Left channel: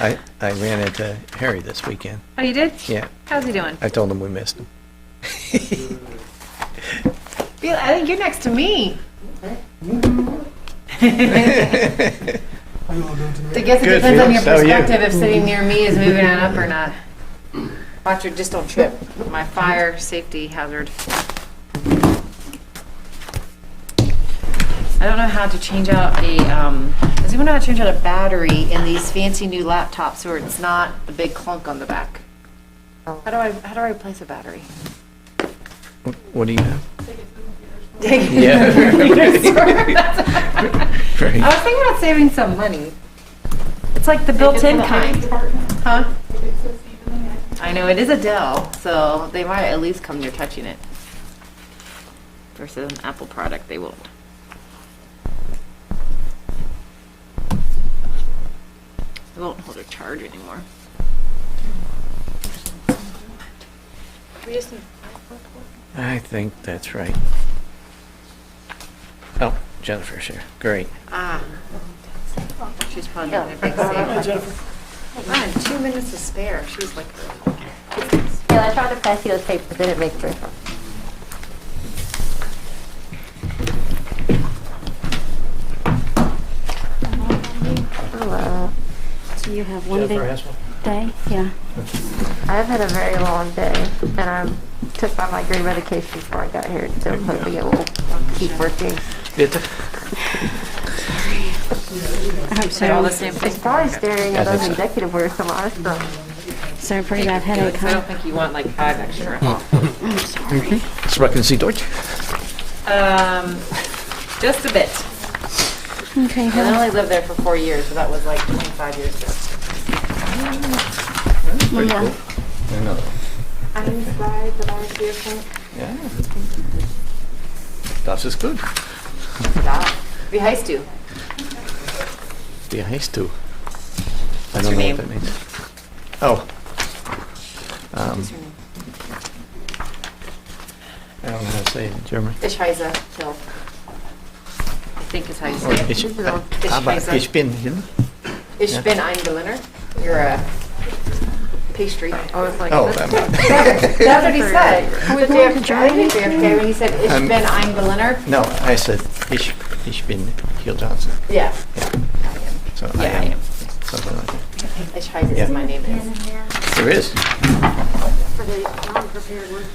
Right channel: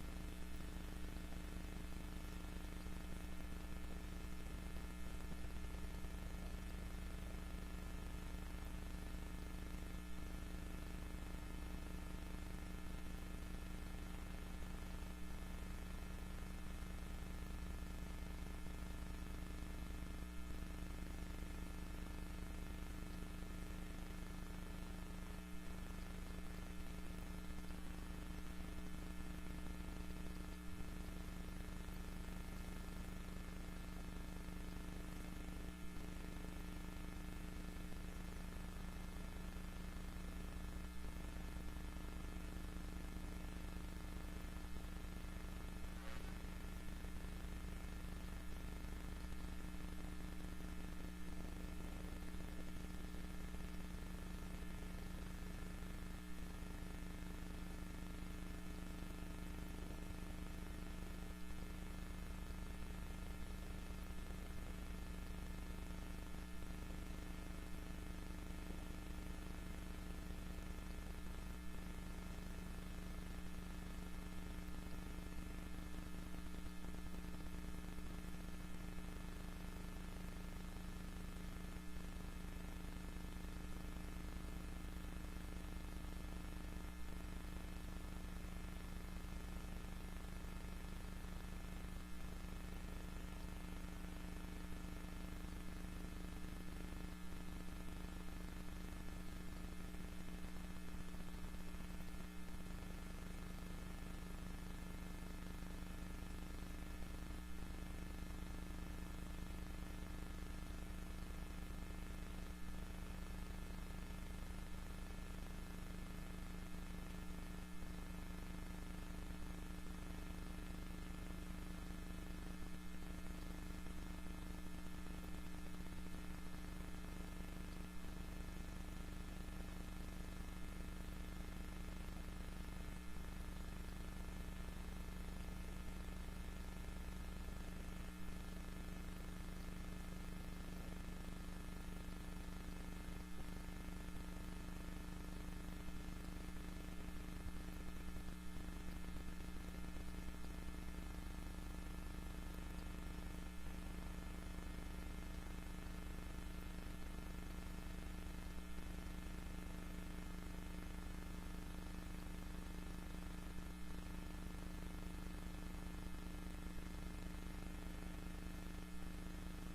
I ran into Harry this weekend. Oh, you did? Yeah, How's he doing? I told him we missed him. I think you're next to me. I guess it Good, depends on your Felix. How are you? perspective if sitting near me is moving on up or not. Watch your, just don't trip. My fire safety hazard. I don't know how to change out a, does anyone know how to change out a battery in these fancy new laptops where it's not a big clunk on the back? How do I replace a battery? What do you have? Yeah. Right. I was thinking about saving some money. It's like the built-in kind. Huh? I know, it is a Dell, so they might at least come near touching it. Versus an Apple product, they won't. It won't hold a charge anymore. We just need I think that's right. Oh, Jennifer's here. Great. Ah. She's probably doing a big save. I had 2 minutes to spare. She's like, Yeah, I tried to pass you those papers, they didn't make it. Hello. So you have one big has one? day? Yeah. I've had a very long day, and I took my migraine medication before I got here, so I'm hoping it will keep working. I hope say all the so. same thing. It's probably staring I at those think so. executive orders from last time. So a pretty bad headache, I huh? don't think you want like 5 extra. I'm sorry. Sprechen Sie Deutsch? Just a bit. Okay, I well, only lived there for 4 years, so that was like 25 years ago. Pretty yeah. cool. Another one. I'm glad that I was here for Yeah. Das ist gut. that. Wie heißt du? Wie heißt du? I What's don't your know name? what that means. Oh. What's your name? I don't know how to say it in German. Ich heiße Phil. I think is how you Or say it. ich, Ich aber heiße. ich bin hier. Ich Yeah. bin ein Berliner. You're a pastry. I was like, Oh, this- That's what he said. Are we The going to JFK, Germany? JFK, when he said, Ich bin ein Berliner. No, I said ich bin Hill Johnson. Yeah. So Yeah, I I am am. something like that. Ich heiße Yeah. is my name is. There is. for the non-prepared ones.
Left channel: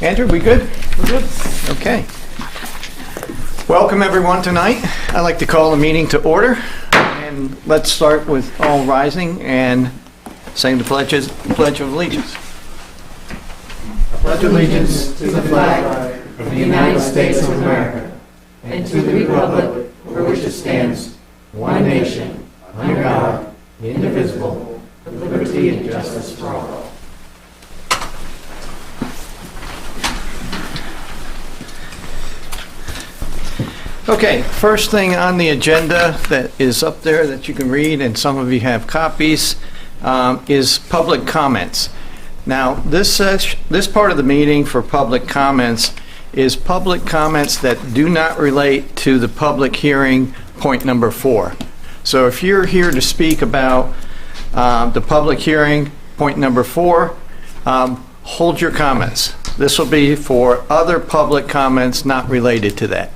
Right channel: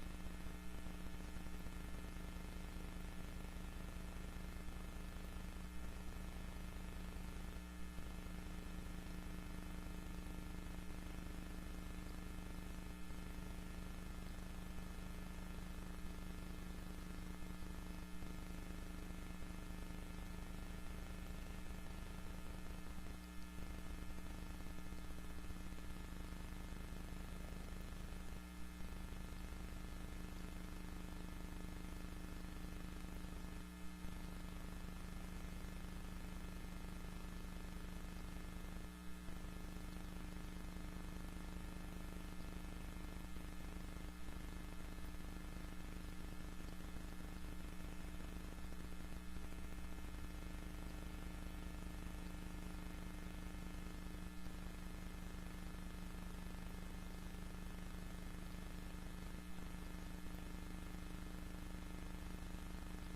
Andrew, we good? We're good. Okay. Welcome everyone tonight. I'd like to call the meeting to order. And let's start with all rising and saying the Pledge of Allegiance. Pledge allegiance to the flag of the United States of America and to the republic for which it stands, one nation, under God, indivisible, with liberty and justice for all. Okay, first thing on the agenda that is up there that you can read, and some of you have copies, is public comments. Now, this part of the meeting for public comments is public comments that do not relate to the public hearing, point number 4. So if you're here to speak about the public hearing, point number 4, hold your comments. This will be for other public comments not related to that.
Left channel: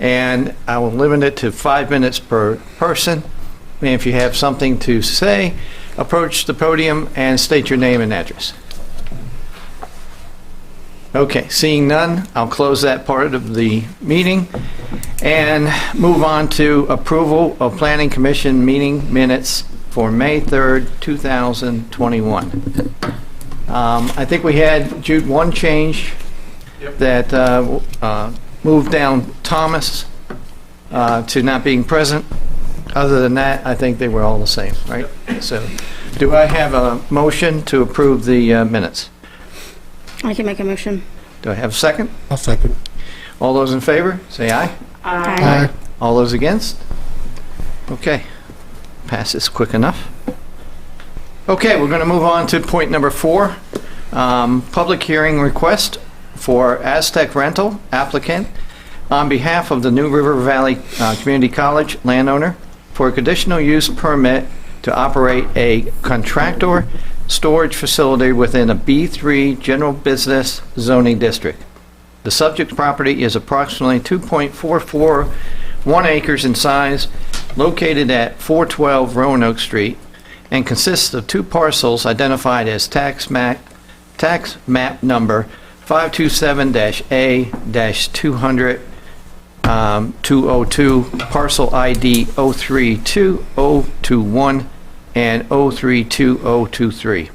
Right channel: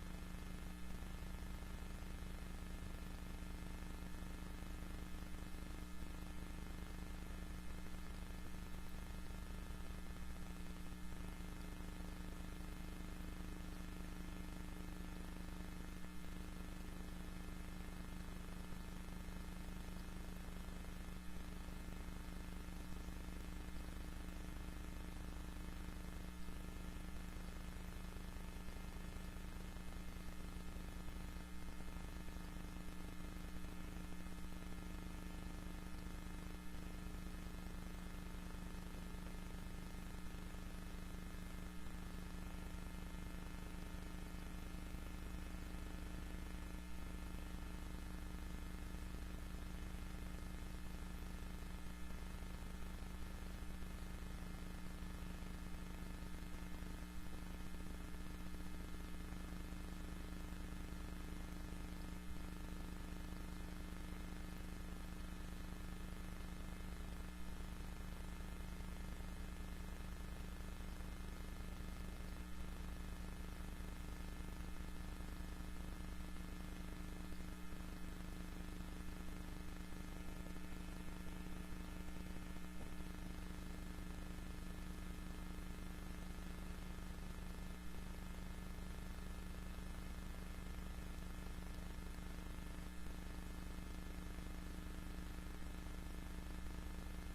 And I will limit it to 5 minutes per person. And if you have something to say, approach the podium and state your name and address. Okay, seeing none, I'll close that part of the meeting and move on to approval of Planning Commission meeting minutes for May 3rd, 2021. I think we had, Jude, one change that moved down Thomas to not being present. Other than that, I think they were all the same, right? So, do I have a motion to approve the minutes? I can make a motion. Do I have a second? I'll second. All those in favor, say aye. Aye. All those against? Okay, passes quick enough. Okay, we're going to move on to point number 4. Public hearing request for Aztec Rental applicant on behalf of the New River Valley Community College landowner for a conditional use permit to operate a contractor storage facility within a B3 general business zoning district. The subject property is approximately 2.441 acres in size, located at 412 Roanoke Street, and consists of two parcels identified as tax map number 527-A-200 202, parcel ID 032021 and 032023.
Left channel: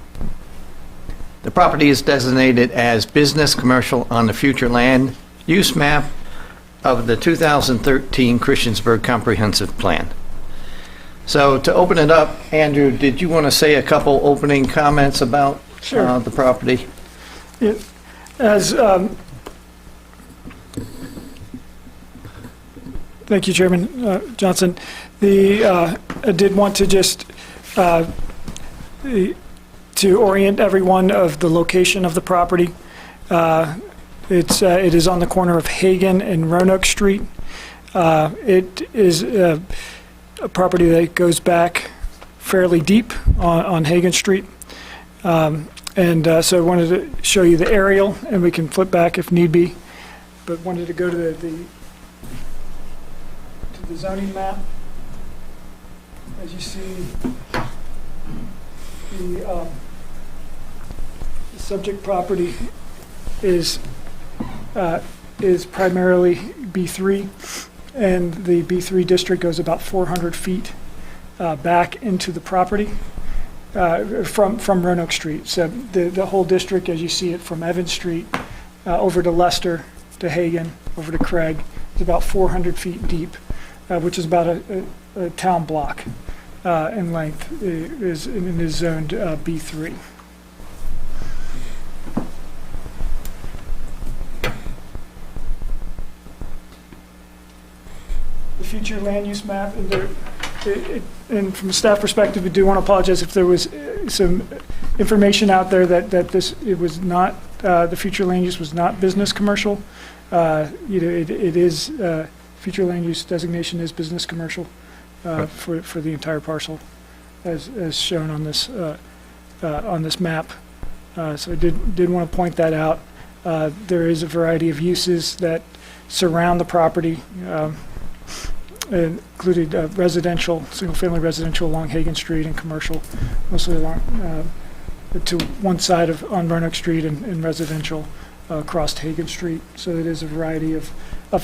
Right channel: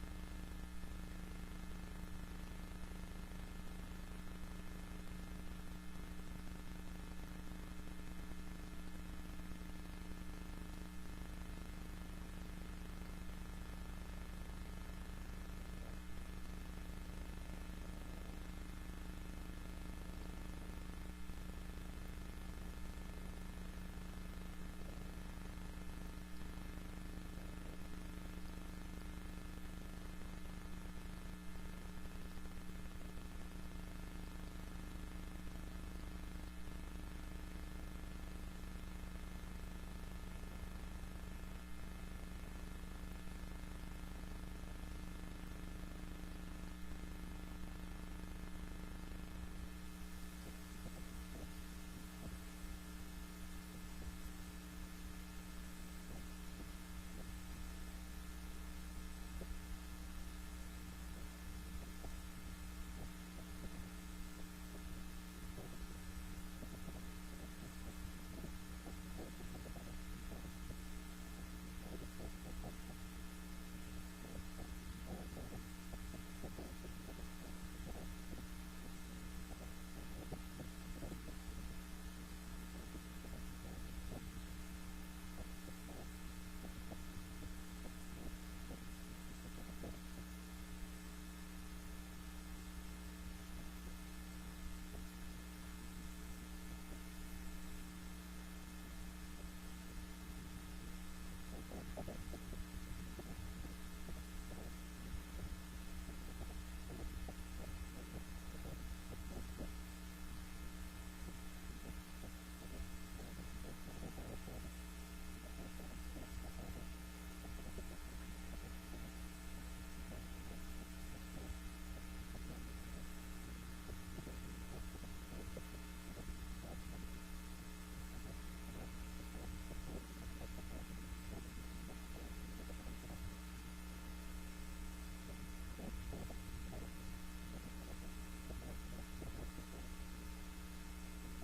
The property is designated as business commercial on the future land use map of the 2013 Christiansburg Comprehensive Plan. So to open it up, Andrew, did you want to say a couple opening comments about Sure. the property? Yeah, As, thank you, Chairman Johnson. I did want to just to orient everyone of the location of the property. It is on the corner of Hagan and Roanoke Street. It is a property that goes back fairly deep on Hagan Street. So I wanted to show you the aerial, and we can flip back if need be, but wanted to go to the zoning map. As you see, the subject property is primarily B3, and the B3 district goes about 400 feet back into the property from Roanoke Street. So the whole district, as you see it from Evans Street over to Leicester, to Hagan, over to Craig, is about 400 feet deep, which is about a town block in length, is zoned B3. The future land use map, and from a staff perspective, we do want to apologize if there was some information out there that it was not, the future land use was not business commercial. It is, future land use designation is business commercial for the entire parcel, as shown on this map. So I did want to point that out. There is a variety of uses that surround the property, included residential, single-family residential along Hagan Street, and commercial, mostly along to one side on Roanoke Street, and residential across Hagan Street. So it is a variety of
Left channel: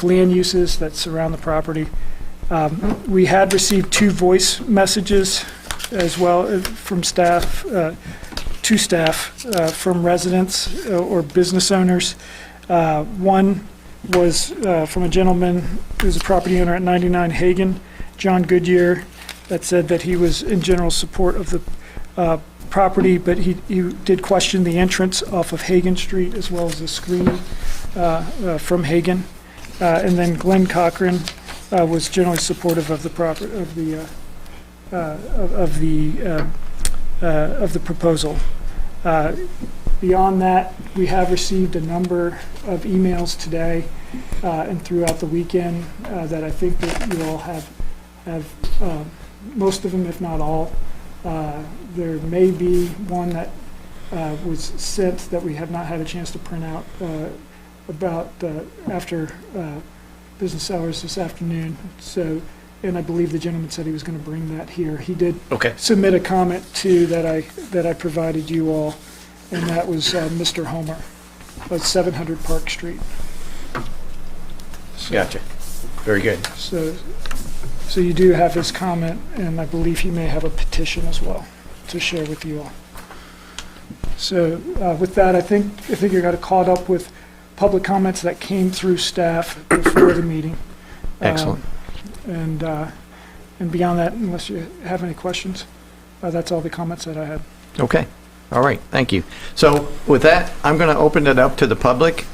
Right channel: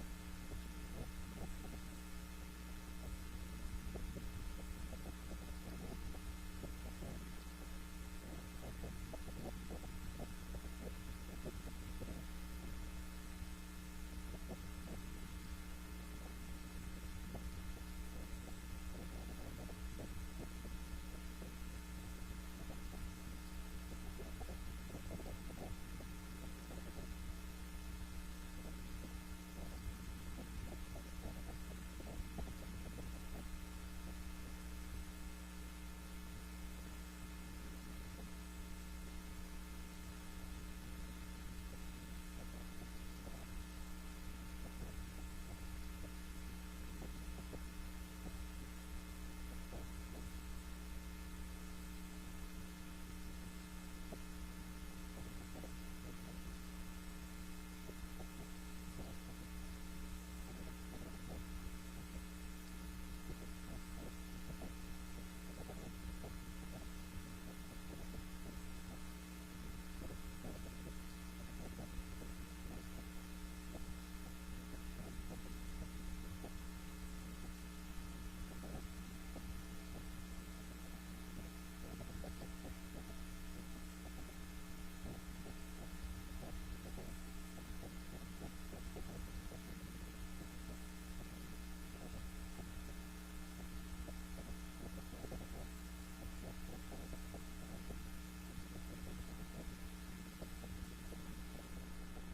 land uses that surround the property. We had received 2 voice messages as well from staff, to staff from residents or business owners. One was from a gentleman who's a property owner at 99 Hagan, John Goodyear, that said that he was in general support of the property, but he did question the entrance off of Hagan Street as well as the screening from Hagan. And then Glenn Cochran was generally supportive of the of the proposal. Beyond that, we have received a number of emails today and throughout the weekend that I think that you all have most of them, if not all. There may be one that was sent that we have not had a chance to print out about after business hours this afternoon. So, and I believe the gentleman said he was going to bring that here. He did submit a comment too that I provided you all, and that was Mr. Homer of 700 Park Street. So, Gotcha. Very good. So you do have his comment, and I believe he may have a petition as well to share with you all. So with that, I think you got caught up with public comments that came through staff before the meeting. Excellent. And beyond that, unless you have any questions, that's all the comments that I had. Okay. All right. Thank you. So with that, I'm going to open it up to the public.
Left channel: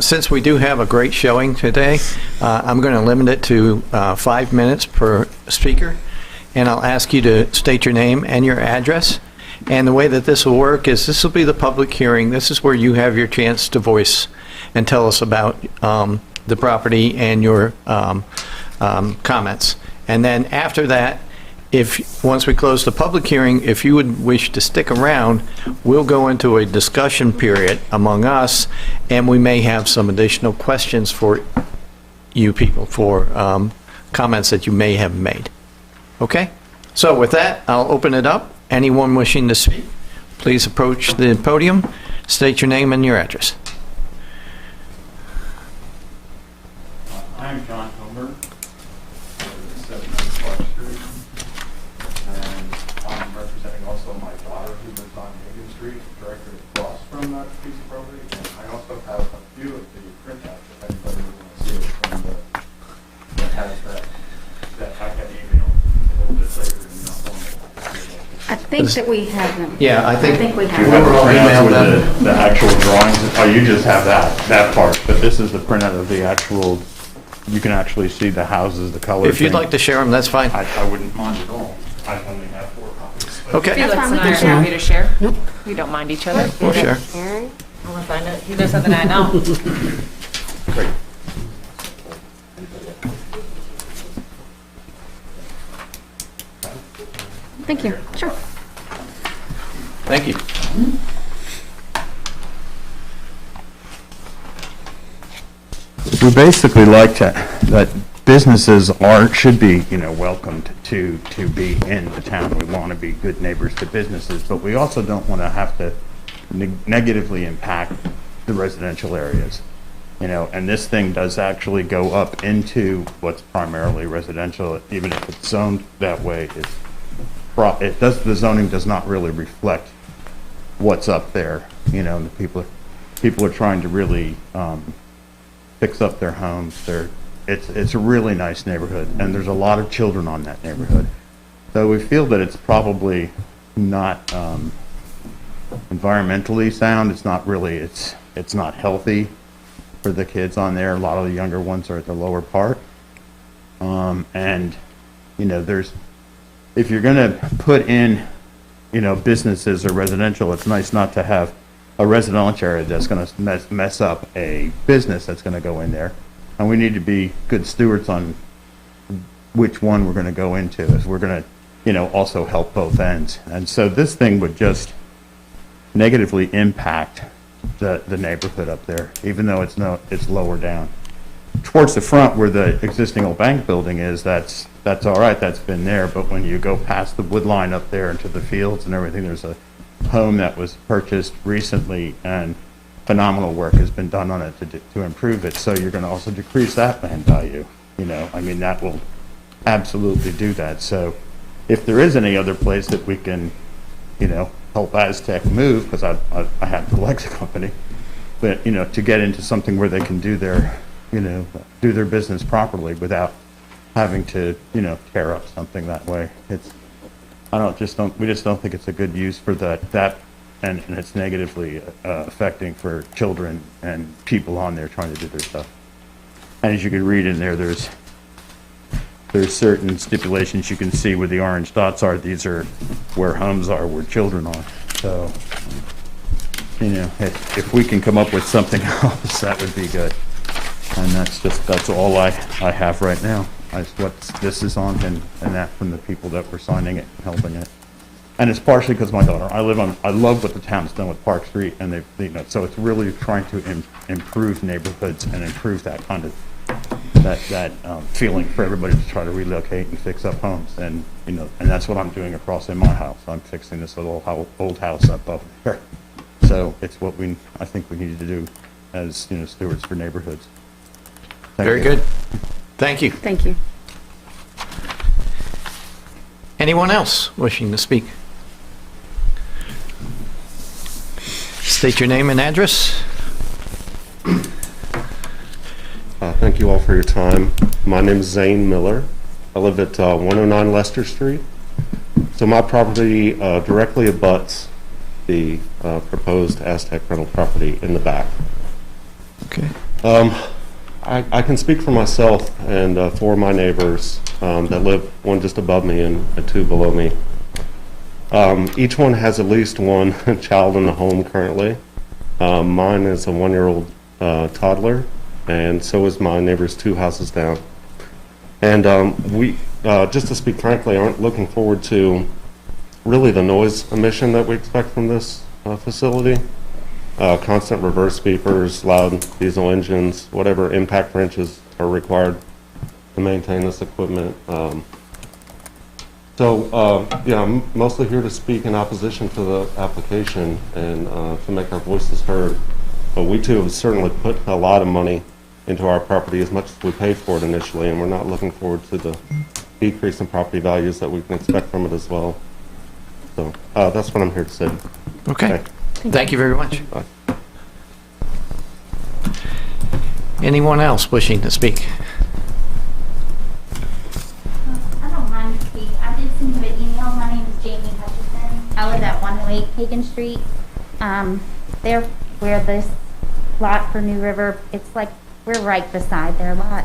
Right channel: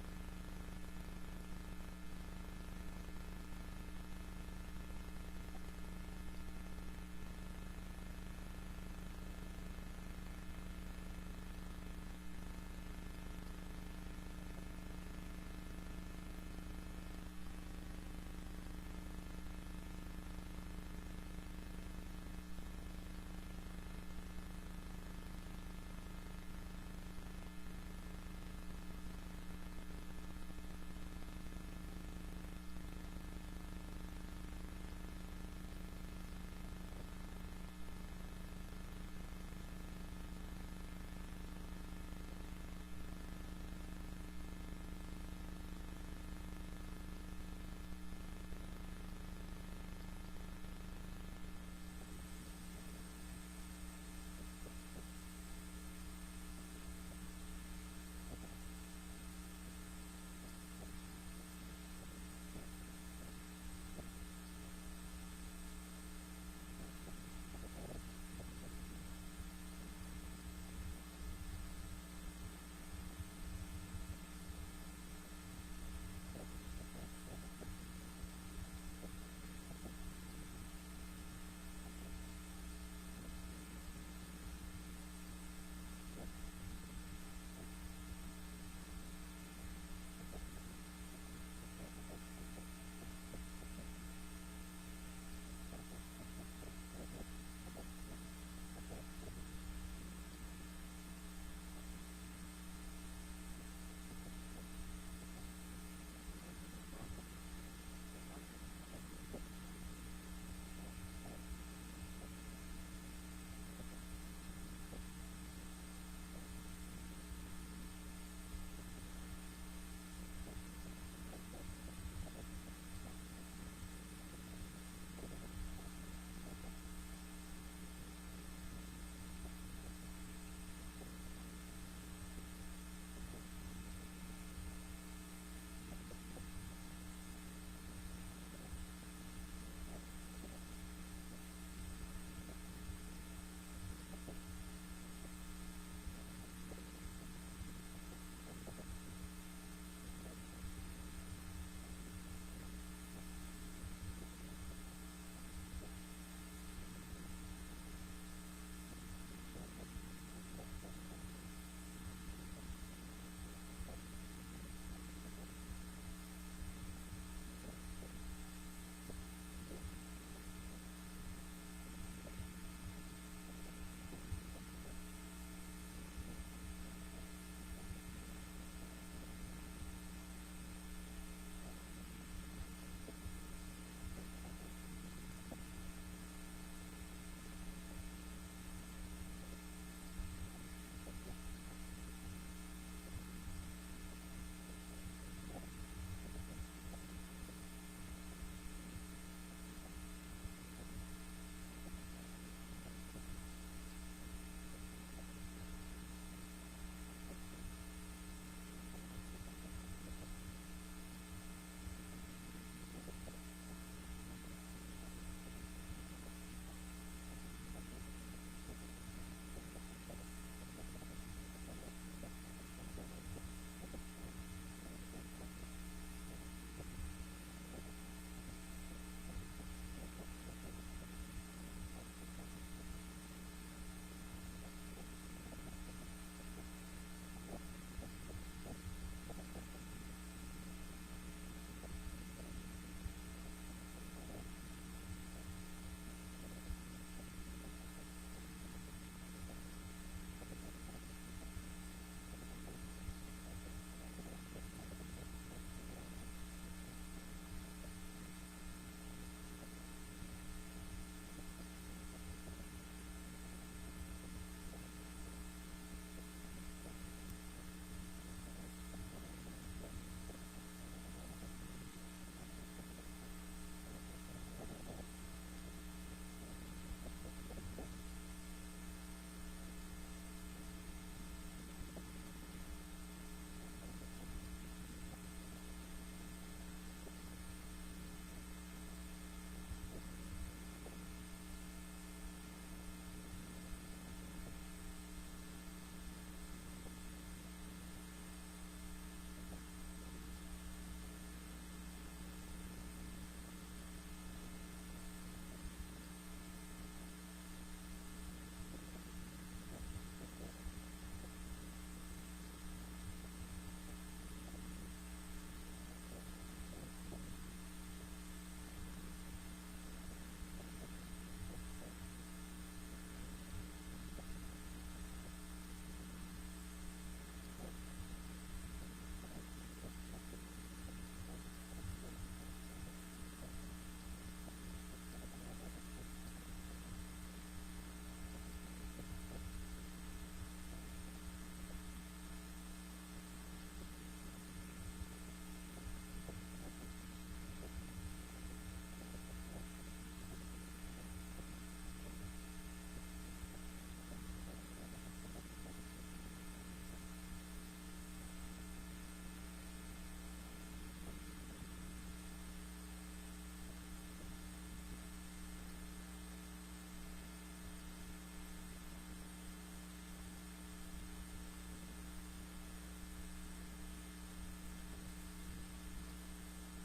Since we do have a great showing today, I'm going to limit it to 5 minutes per speaker, and I'll ask you to state your name and your address. And the way that this will work is this will be the public hearing. This is where you have your chance to voice and tell us about the property and your comments. And then after that, once we close the public hearing, if you would wish to stick around, we'll go into a discussion period among us, and we may have some additional questions for you people, for comments that you may have made. Okay? So with that, I'll open it up. Anyone wishing to speak, please approach the podium, state your name and your address. I'm John Homer, 7 Clark Street, and I'm representing also my daughter who lives on Hagan Street, directly across from that piece of property. And I also have a few of the printouts, if anybody would want to see it, from that has that I can email a little bit later. I think that we have them. Yeah, I I think think we You have have them. the printouts email them. with the actual drawings. Oh, you just have that part, but this is the printout of the actual, you can actually see the houses, the colors. if you'd like to share them, that's fine. I wouldn't mind at all. I only have 4 copies. but- Okay, Felix fine, and we I are can happy to share. Nope. We don't mind each other. we'll share. Aaron? Unless I know, he knows something I know. Great. Thank you. Sure. Thank you. We basically like that businesses should be, welcomed to be in the town. We want to be good neighbors to businesses, but we also don't want to have to negatively impact the residential areas. And this thing does actually go up into what's primarily residential, even if it's zoned that way. The zoning does not really reflect what's up there. The people are trying to really fix up their homes. It's a really nice neighborhood, and there's a lot of children on that neighborhood. So we feel that it's probably not environmentally sound. It's not really. It's not healthy for the kids on there. A lot of the younger ones are at the lower part, and there's, if you're going to put in businesses or residential, it's nice not to have a residential area that's going to mess up a business that's going to go in there. And we need to be good stewards on which one we're going to go into, as we're going to, also help both ends. And so this thing would just negatively impact the neighborhood up there, even though it's lower down. Towards the front where the existing old bank building is, that's all right, that's been there, but when you go past the wood line up there into the fields and everything, there's a home that was purchased recently, and phenomenal work has been done on it to improve it. So you're going to also decrease that land value. That will absolutely do that. So if there is any other place that we can, help Aztec move, because I have the Lex company, but to get into something where they can do their business properly without having to tear up something that way. We just don't think it's a good use for that, and it's negatively affecting for children and people on there trying to do their stuff. And as you can read in there, there's certain stipulations you can see where the orange dots are. These are where homes are, where children are. So, if we can come up with something else, that would be good. And that's all I have right now. That's what this is on, and that from the people that were signing it, helping it. And it's partially because my daughter, I love what the town's done with Park Street, and so it's really trying to improve neighborhoods and improve that kind of, that feeling for everybody to try to relocate and fix up homes. And, and that's what I'm doing across in my house. I'm fixing this little old house up over there. So it's what I think we need to do as, stewards for neighborhoods. Thank Very you. good. Thank you. Thank you. Anyone else wishing to speak? State your name and address. Thank you all for your time. My name is Zane Miller. I live at 109 Lester Street. So my property directly abuts the proposed Aztec rental property in the back. Okay. I can speak for myself and for my neighbors that live, one just above me and two below me. Each one has at least one child in the home currently. Mine is a 1-year-old toddler, and so is my neighbor's 2 houses down. And we just to speak frankly, aren't looking forward to really the noise emission that we expect from this facility. Constant reverse beepers, loud diesel engines, whatever impact wrenches are required to maintain this equipment. Yeah, I'm mostly here to speak in opposition to the application and to make our voices heard. But we too have certainly put a lot of money into our property, as much as we paid for it initially, and we're not looking forward to the decrease in property values that we can expect from it as well. So that's what I'm here to say. Okay. Thank you very much. Bye. Anyone else wishing to speak? I don't mind to speak. I did send you an email. My name is Jamie Hutchison. I live at 108 Hagen Street. There, where this lot for New River, it's like we're right beside their lot.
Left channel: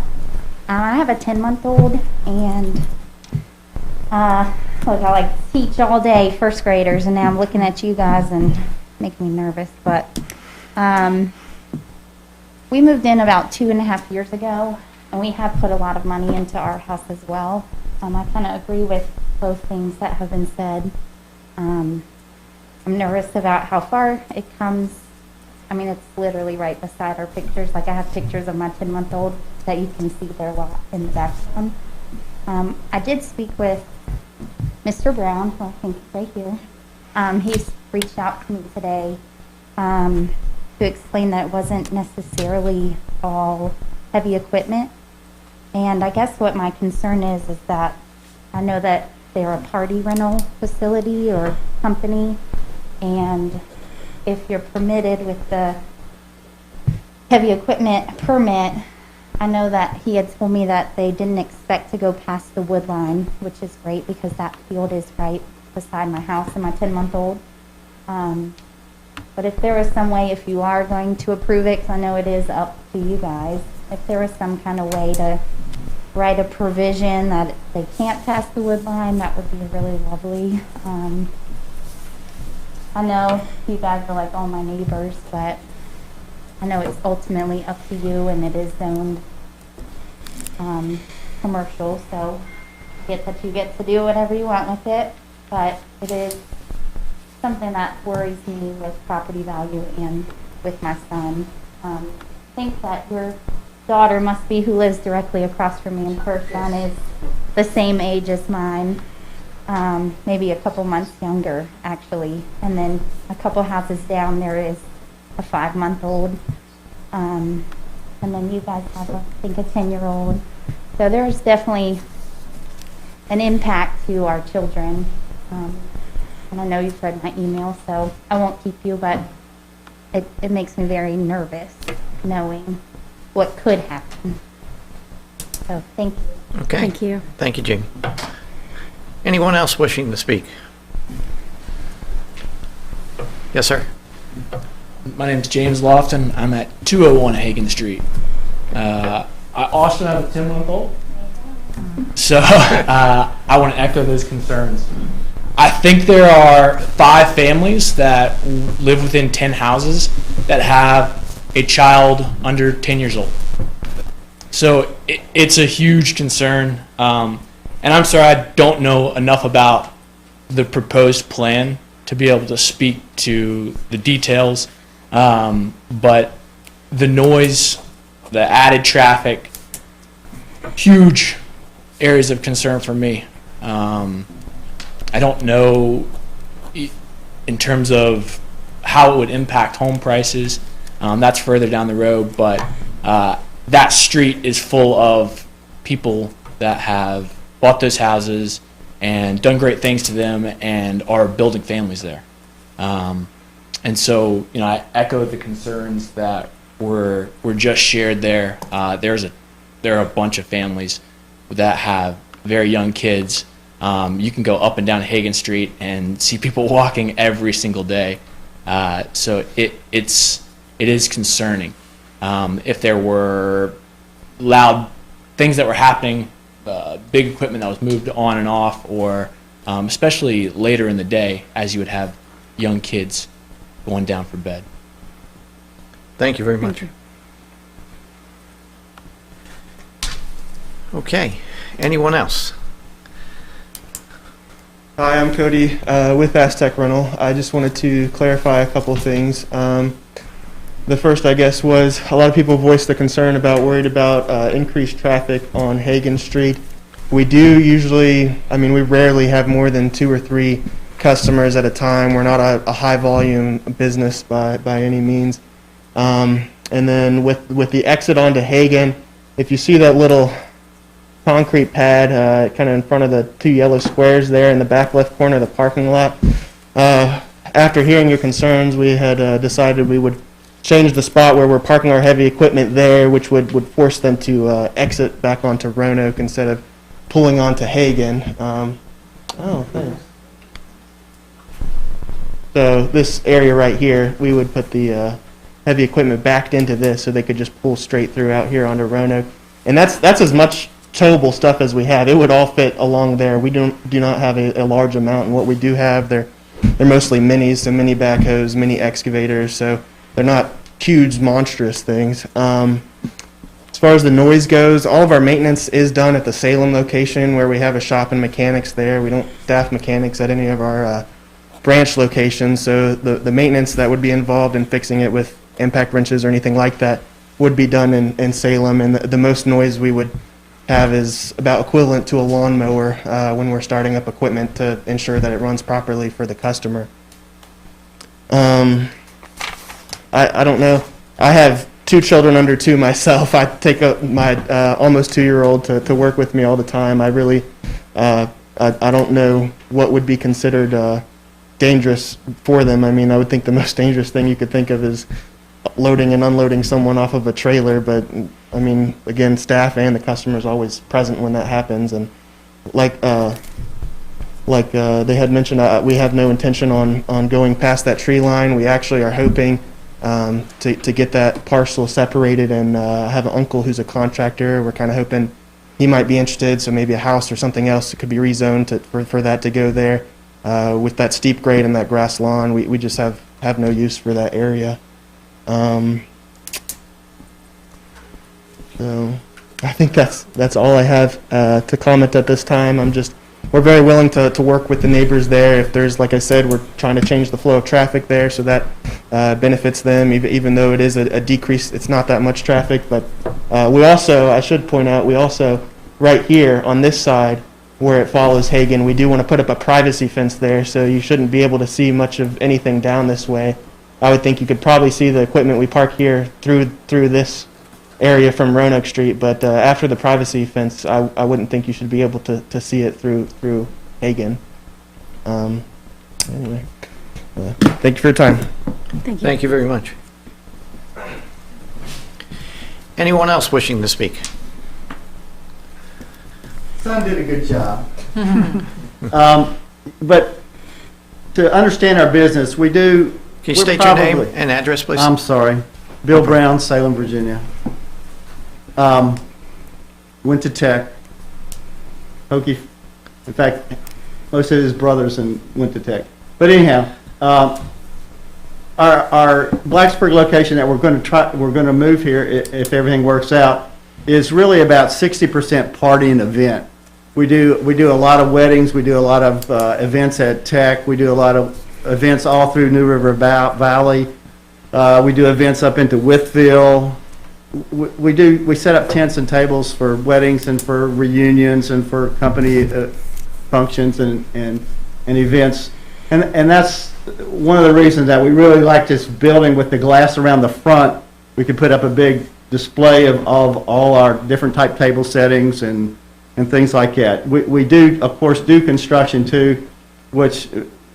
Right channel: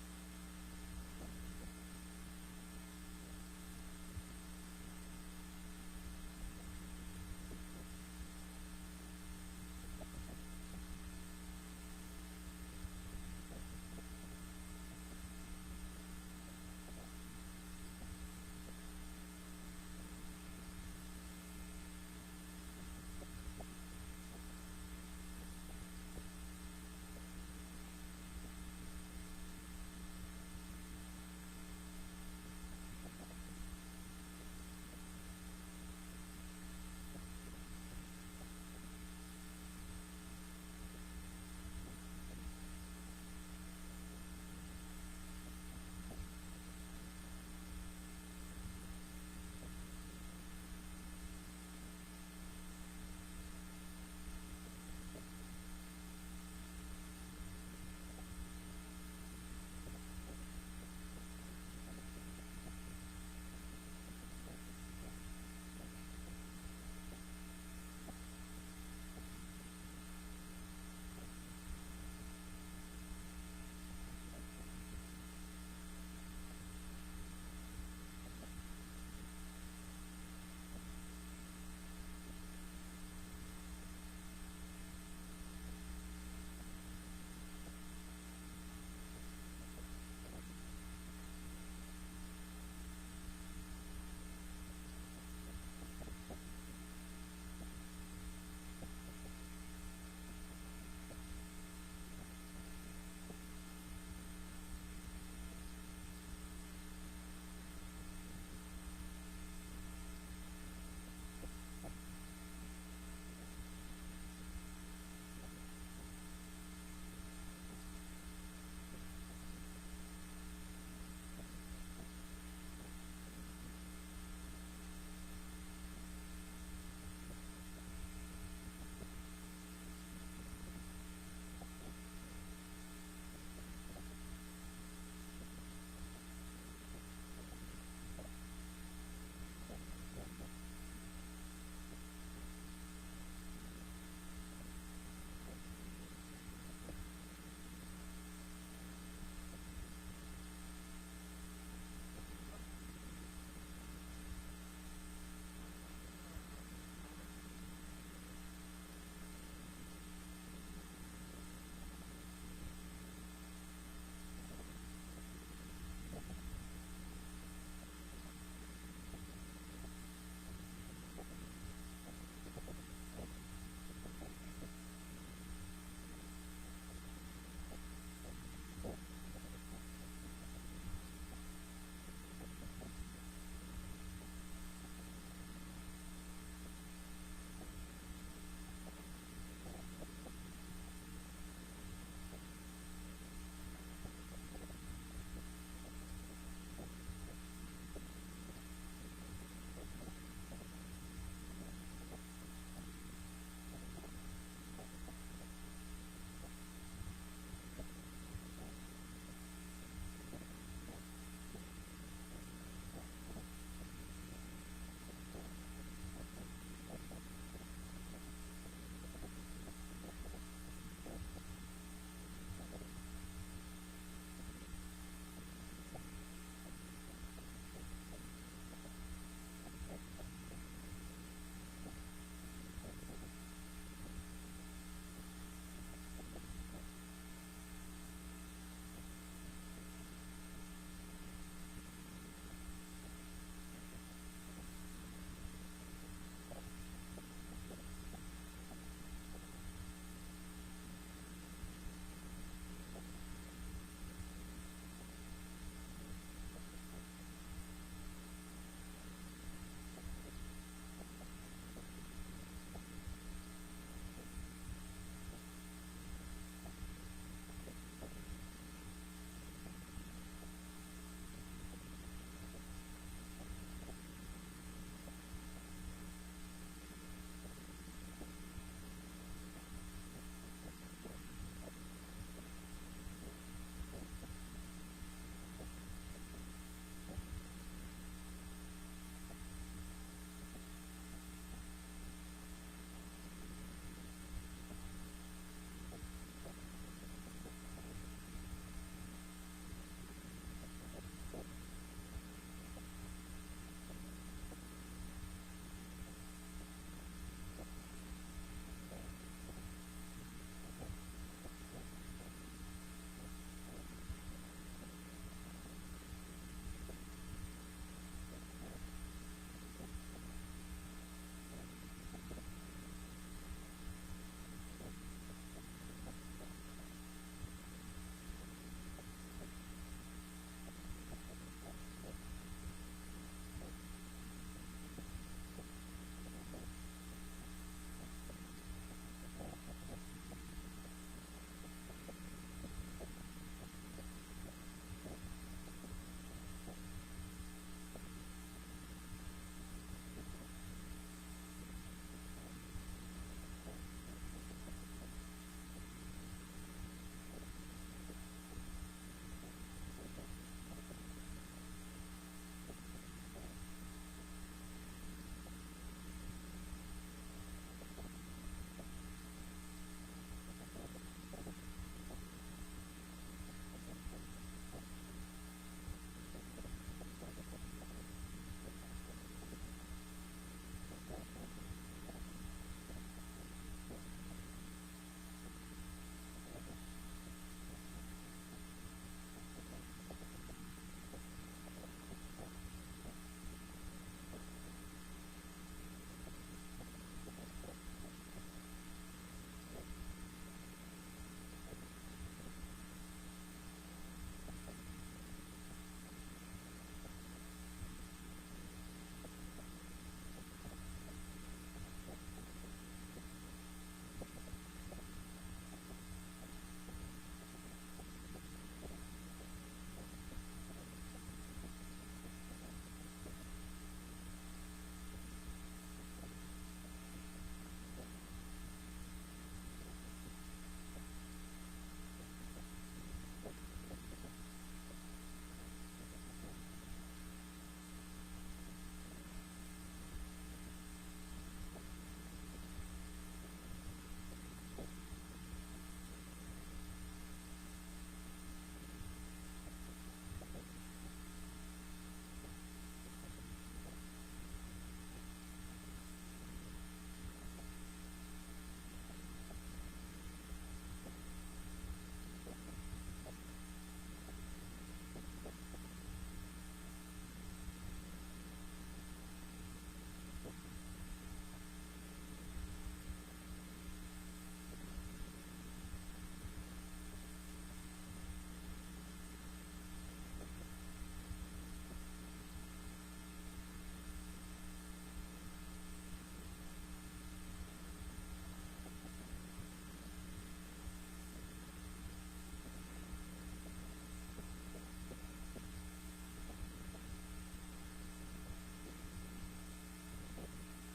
I have a 10-month-old, and look, I like teach all day first graders, and now I'm looking at you guys and making me nervous. But we moved in about 2.5 years ago, and we have put a lot of money into our house as well. I kind of agree with both things that have been said. I'm nervous about how far it comes. I mean, it's literally right beside our pictures. Like, I have pictures of my 10-month-old that you can see their lot in the background. I did speak with Mr. Brown, who I think is right here. He's reached out to me today to explain that it wasn't necessarily all heavy equipment. And I guess what my concern is that I know that they're a party rental facility or company, and if you're permitted with the heavy equipment permit, I know that he had told me that they didn't expect to go past the wood line, which is great because that field is right beside my house and my 10-month-old. But if there was some way, if you are going to approve it, because I know it is up to you guys, if there was some kind of way to write a provision that they can't pass the wood line, that would be really lovely. I know you guys are like all my neighbors, but I know it's ultimately up to you, and it is zoned commercial, so I get that you get to do whatever you want with it, but it is something that worries me with property value and with my son. I think that your daughter must be, who lives directly across from me in person, is the same age as mine. Maybe a couple months younger, actually. And then a couple houses down, there is a 5-month-old. And then you guys have, I think, a 10-year-old. So there's definitely an impact to our children. And I know you've read my email, so I won't keep you, but it makes me very nervous knowing what could happen. So thank you. Okay. Thank you. Thank you, Jamie. Anyone else wishing to speak? Yes, sir. My name's James Lofton. I'm at 201 Hagen Street. I also have a 10-month-old, so I want to echo those concerns. I think there are 5 families that live within 10 houses that have a child under 10 years old. So it's a huge concern. And I'm sorry, I don't know enough about the proposed plan to be able to speak to the details. But the noise, the added traffic, huge areas of concern for me. I don't know in terms of how it would impact home prices. That's further down the road, but that street is full of people that have bought those houses and done great things to them and are building families there. And so, I echo the concerns that were just shared there. There are a bunch of families that have very young kids. You can go up and down Hagen Street and see people walking every single day. So it is concerning. If there were loud things that were happening, big equipment that was moved on and off, or especially later in the day as you would have young kids going down for bed. Thank you very much. Okay. Anyone else? Hi, I'm Cody with Aztec Rental. I just wanted to clarify a couple things. The first, I guess, was a lot of people voiced the concern worried about increased traffic on Hagen Street. We do usually, we rarely have more than 2 or 3 customers at a time. We're not a high volume business by any means. And then with the exit onto Hagen, if you see that little concrete pad kind of in front of the 2 yellow squares there in the back left corner of the parking lot, after hearing your concerns, we had decided we would change the spot where we're parking our heavy equipment there, which would force them to exit back onto Roanoke instead of pulling onto Hagen. Thanks. So this area right here, we would put the heavy equipment backed into this so they could just pull straight through out here onto Roanoke. And that's as much towable stuff as we have. It would all fit along there. We do not have a large amount, and what we do have, they're mostly minis, so mini backhoes, mini excavators, so they're not huge, monstrous things. As far as the noise goes, all of our maintenance is done at the Salem location where we have a shop and mechanics there. We don't staff mechanics at any of our branch locations, so the maintenance that would be involved in fixing it with impact wrenches or anything like that would be done in Salem, and the most noise we would have is about equivalent to a lawnmower when we're starting up equipment to ensure that it runs properly for the customer. I don't know. I have 2 children under 2 myself. I take my almost 2-year-old to work with me all the time. I really, I don't know what would be considered dangerous for them. I would think the most dangerous thing you could think of is loading and unloading someone off of a trailer, but again, staff and the customer is always present when that happens. And like they had mentioned, we have no intention on going past that tree line. We actually are hoping to get that parcel separated, and I have an uncle who's a contractor. We're kind of hoping he might be interested, so maybe a house or something else that could be rezoned for that to go there. With that steep grade and that grass lawn, we just have no use for that area. So I think that's all I have to comment at this time. We're very willing to work with the neighbors there. If there's, like I said, we're trying to change the flow of traffic there so that benefits them, even though it is a decrease. It's not that much traffic, but I should point out, we also, right here on this side where it follows Hagen, we do want to put up a privacy fence there, so you shouldn't be able to see much of anything down this way. I would think you could probably see the equipment we park here through this area from Roanoke Street, but after the privacy fence, I wouldn't think you should be able to see it through Hagen. Anyway, thank you for your time. Thank you. Thank you very much. Anyone else wishing to speak? Son did a good job. But to understand our business, we do. Can you state your name and address, please? I'm sorry. Bill Brown, Salem, Virginia. Went to Tech. Hokey. In fact, most of his brothers went to Tech. But anyhow, our Blacksburg location that we're going to move here if everything works out is really about 60% party and event. We do a lot of weddings. We do a lot of events at Tech. We do a lot of events all through New River Valley. We do events up into Wytheville. We set up tents and tables for weddings and for reunions and for company functions and events. And that's one of the reasons that we really like this building with the glass around the front. We could put up a big display of all our different type table settings and things like that. We do, of course, do construction too, which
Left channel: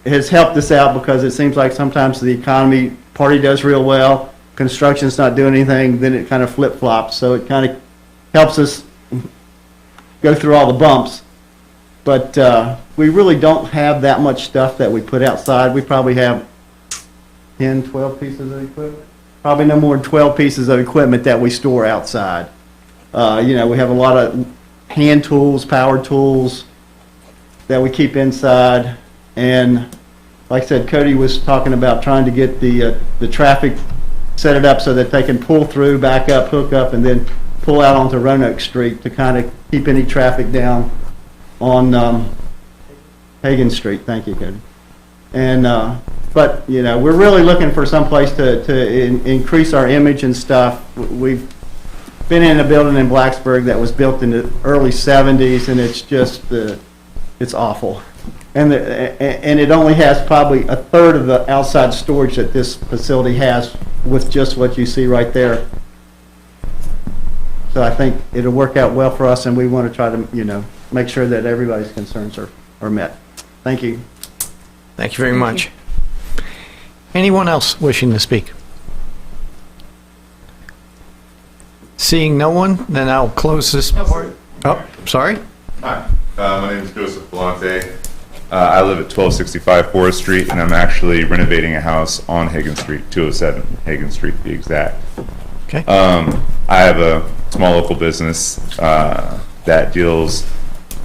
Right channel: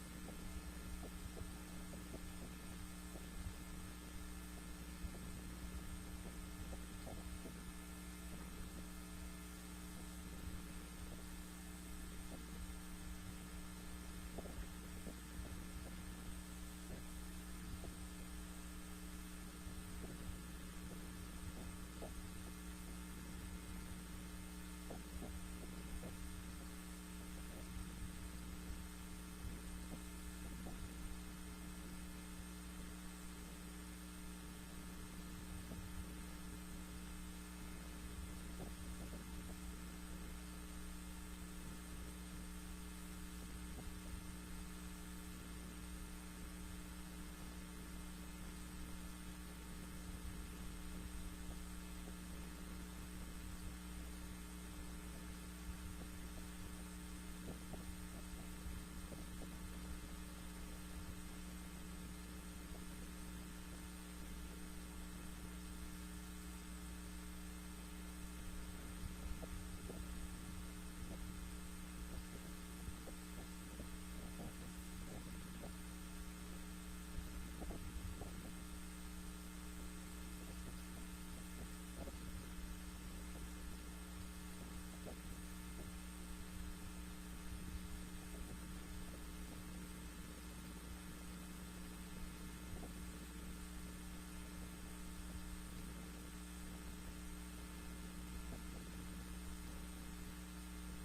has helped us out because it seems like sometimes the economy, party does real well, construction's not doing anything, then it kind of flip-flops. So it kind of helps us go through all the bumps. But we really don't have that much stuff that we put outside. We probably have 10, 12 pieces of equipment. Probably no more than 12 pieces of equipment that we store outside. We have a lot of hand tools, power tools that we keep inside. And like I said, Cody was talking about trying to get the traffic set it up so that they can pull through, back up, hook up, and then pull out onto Roanoke Street to kind of keep any traffic down on Hagan Street, thank you, Cody. And, but, you know, we're really looking for some place to increase our image and stuff. We've been in a building in Blacksburg that was built in the early 70s, and it's just, it's awful. And it only has probably a third of the outside storage that this facility has with just what you see right there. So I think it'll work out well for us, and we want to try to, you know, make sure that everybody's concerns are met. Thank you. Thank you very much. Anyone else wishing to speak? Seeing no one, then I'll close this part. Oh, sorry. Hi, my name is Joseph Belante. I live at 1265 Forest Street, and I'm actually renovating a house on Hagan Street, 207 Hagan Street to be exact. Okay. I have a small local business that deals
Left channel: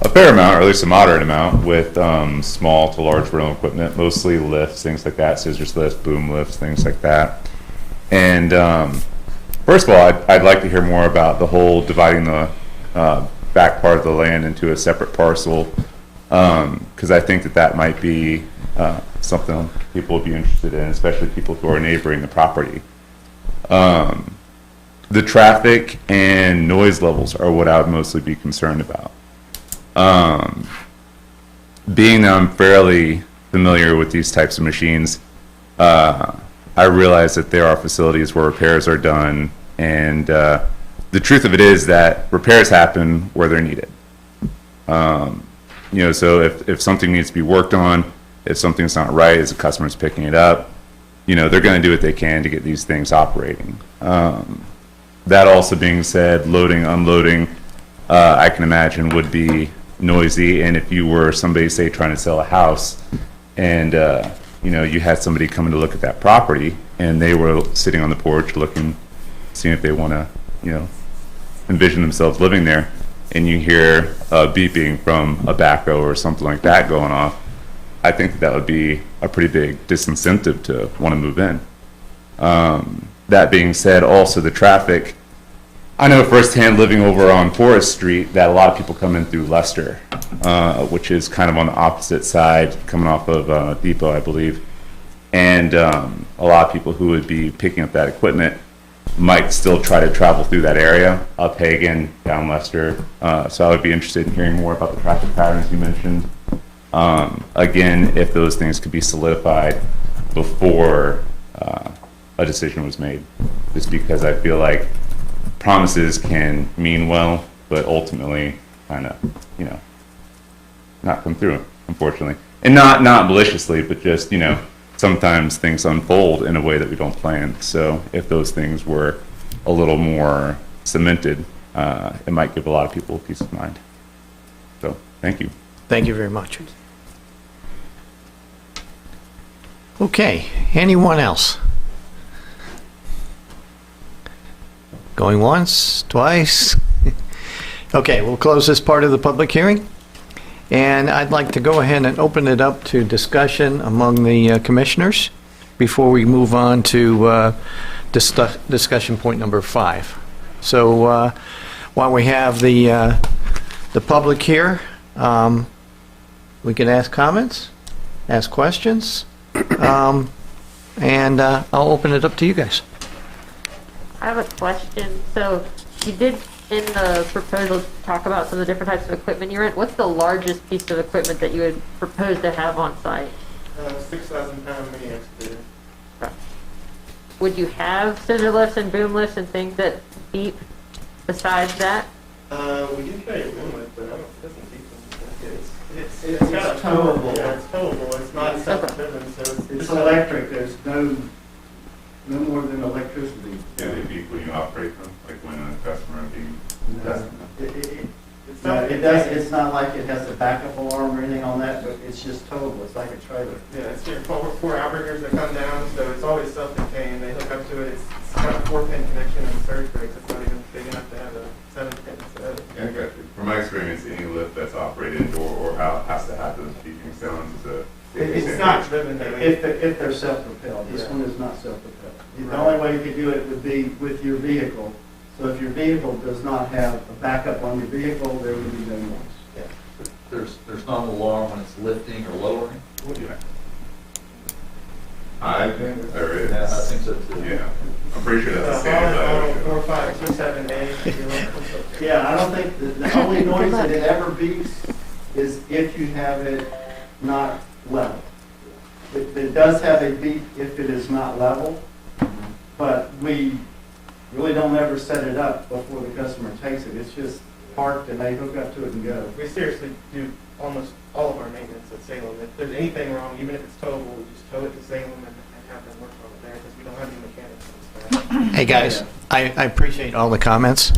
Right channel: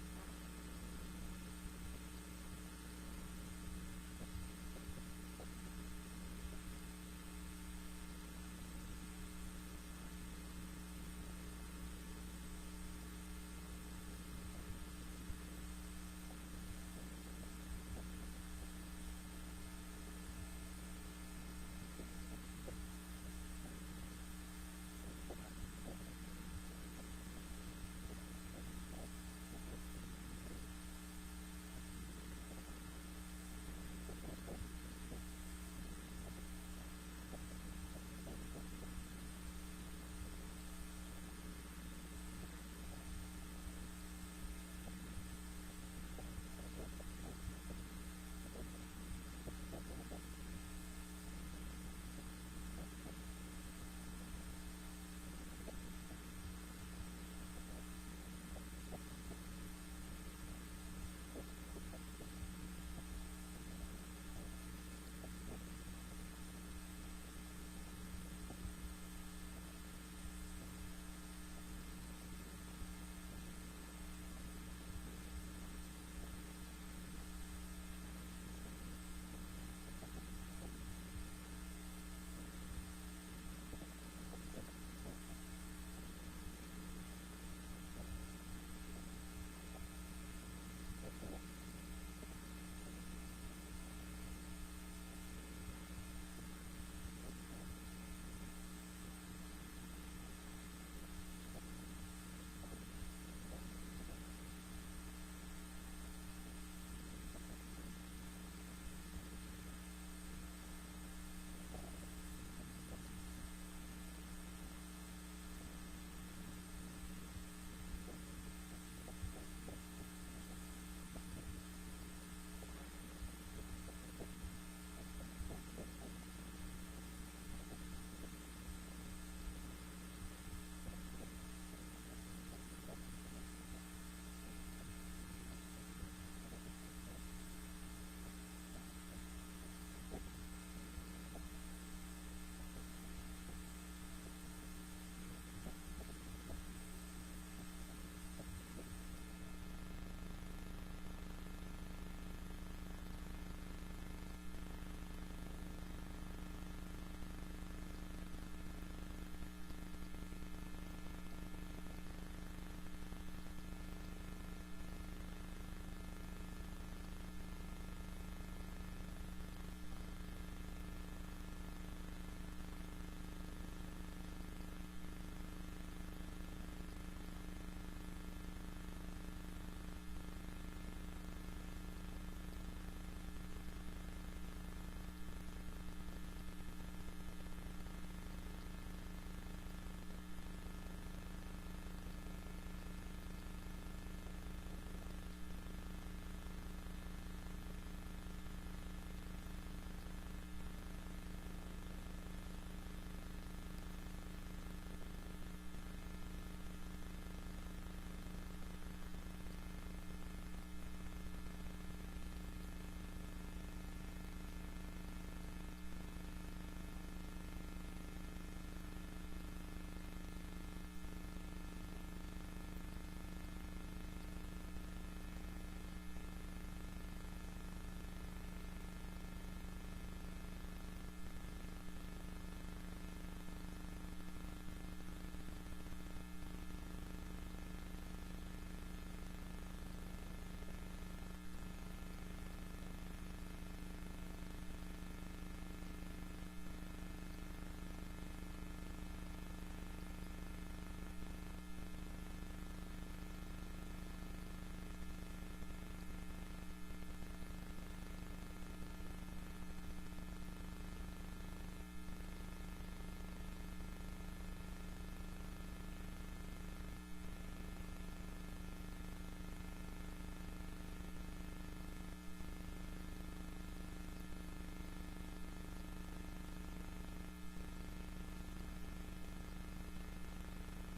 a fair amount, or at least a moderate amount, with small to large rental equipment, mostly lifts, things like that, scissors lifts, boom lifts, things like that. And first of all, I'd like to hear more about the whole dividing the back part of the land into a separate parcel, because I think that might be something people would be interested in, especially people who are neighboring the property. The traffic and noise levels are what I would mostly be concerned about. Being that I'm fairly familiar with these types of machines, I realize that there are facilities where repairs are done, and the truth of it is that repairs happen where they're needed. You know, so if something needs to be worked on, if something's not right, as the customer's picking it up, you know, they're going to do what they can to get these things operating. That also being said, loading, unloading, I can imagine would be noisy. And if you were somebody, say, trying to sell a house, and you know, you had somebody coming to look at that property, and they were sitting on the porch looking, seeing if they want to, you know, envision themselves living there, and you hear beeping from a backhoe or something like that going off, I think that would be a pretty big disincentive to want to move in. That being said, also the traffic, I know firsthand living over on Forest Street that a lot of people come in through Leicester, which is kind of on the opposite side, coming off of Depot, I believe. And a lot of people who would be picking up that equipment might still try to travel through that area, up Hagan, down Leicester. So I would be interested in hearing more about the traffic patterns you mentioned. Again, if those things could be solidified before a decision was made, just because I feel like promises can mean well, but ultimately kind of, you know, not come through, unfortunately. And not maliciously, but just, you know, sometimes things unfold in a way that we don't plan. So if those things were a little more cemented, it might give a lot of people peace of mind. So thank you. Thank you very much. Okay, anyone else? Going once, twice? Okay, we'll close this part of the public hearing. And I'd like to go ahead and open it up to discussion among the commissioners before we move on to discussion point number 5. So while we have the public here, we can ask comments, ask questions, and I'll open it up to you guys. I have a question. So you did in the proposal talk about some of the different types of equipment you rent. What's the largest piece of equipment that you would propose to have on site? 6,000-pound mini excavator. Would you have scissor lifts and boom lifts and things that beep besides that? We do carry a boom lift, but I don't doesn't beep. It's got a towable. Yeah, it's towable. It's not self-driven, so It's electric, there's no more than electricity. Yeah, they beep when you operate them, like when a customer It's not like it has a backup alarm or anything on that, but it's just towable, it's like a trailer. yeah, it's your four outriggers that come down, so it's always self-contained. They hook up to it. It's got a 4-pin connection and surge brakes. It's not even big enough to have a 7-pin. So Yeah, I got you. From my experience, any lift that's operated indoor or out has to have those beeping sounds as a. it's not driven though. If they're self-propelled, this one is not self-propelled. The only way you could do it would be with your vehicle. So if your vehicle does not have a backup on your vehicle, there would be no noise. there's not an alarm when it's lifting or lowering? I think there is. Yeah, I think so too. Yeah, I'm pretty sure that's the same. Model 4, 5, 6, 7, 8. Yeah, I don't think, the only noise that it ever beeps is if you have it not level. It does have a beep if it is not level, but we really don't ever set it up before the customer takes it. It's just parked and they hook up to it and go. We seriously do almost all of our maintenance at Salem. If there's anything wrong, even if it's towable, we just tow it to Salem and have them work on it there because we don't have any mechanics on staff. Hey, guys, I appreciate all the comments.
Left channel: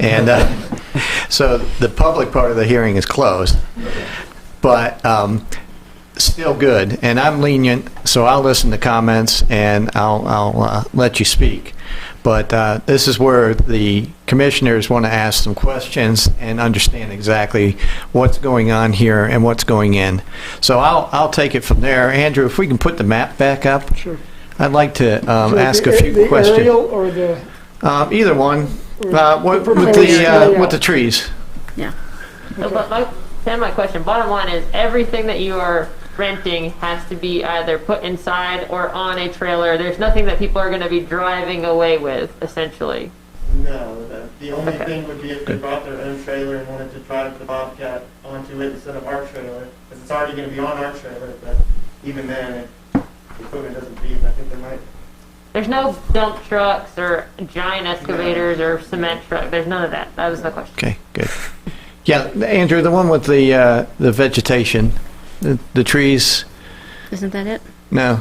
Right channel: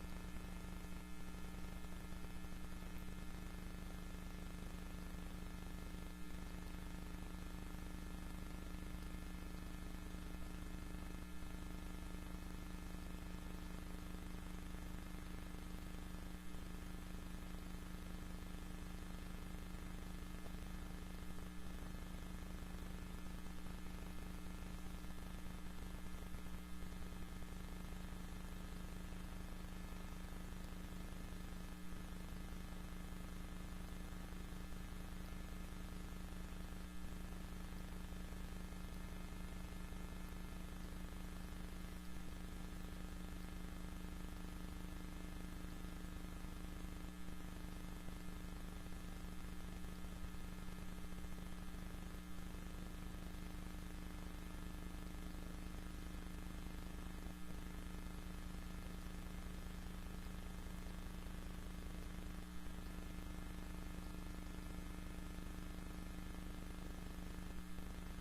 And so the public part of the hearing is closed, but still good. And I'm lenient, so I'll listen to comments and I'll let you speak. But this is where the commissioners want to ask some questions and understand exactly what's going on here and what's going in. So I'll take it from there. Andrew, if we can put the map back up. Sure. I'd like to ask a few the questions. Aerial or the? Either one. With the trees. Yeah. So, but my question, bottom line is everything that you are renting has to be either put inside or on a trailer. There's nothing that people are going to be driving away with, essentially. No, the only thing would be if they brought their own trailer and wanted to drive the Bobcat onto it instead of our trailer, because it's already going to be on our trailer, but even then, if the equipment doesn't beep, I think they might. There's no dump trucks or giant excavators or cement trucks. There's none of that. That was my question. Okay, good. Yeah, Andrew, the one with the vegetation, the trees. Isn't that it? No.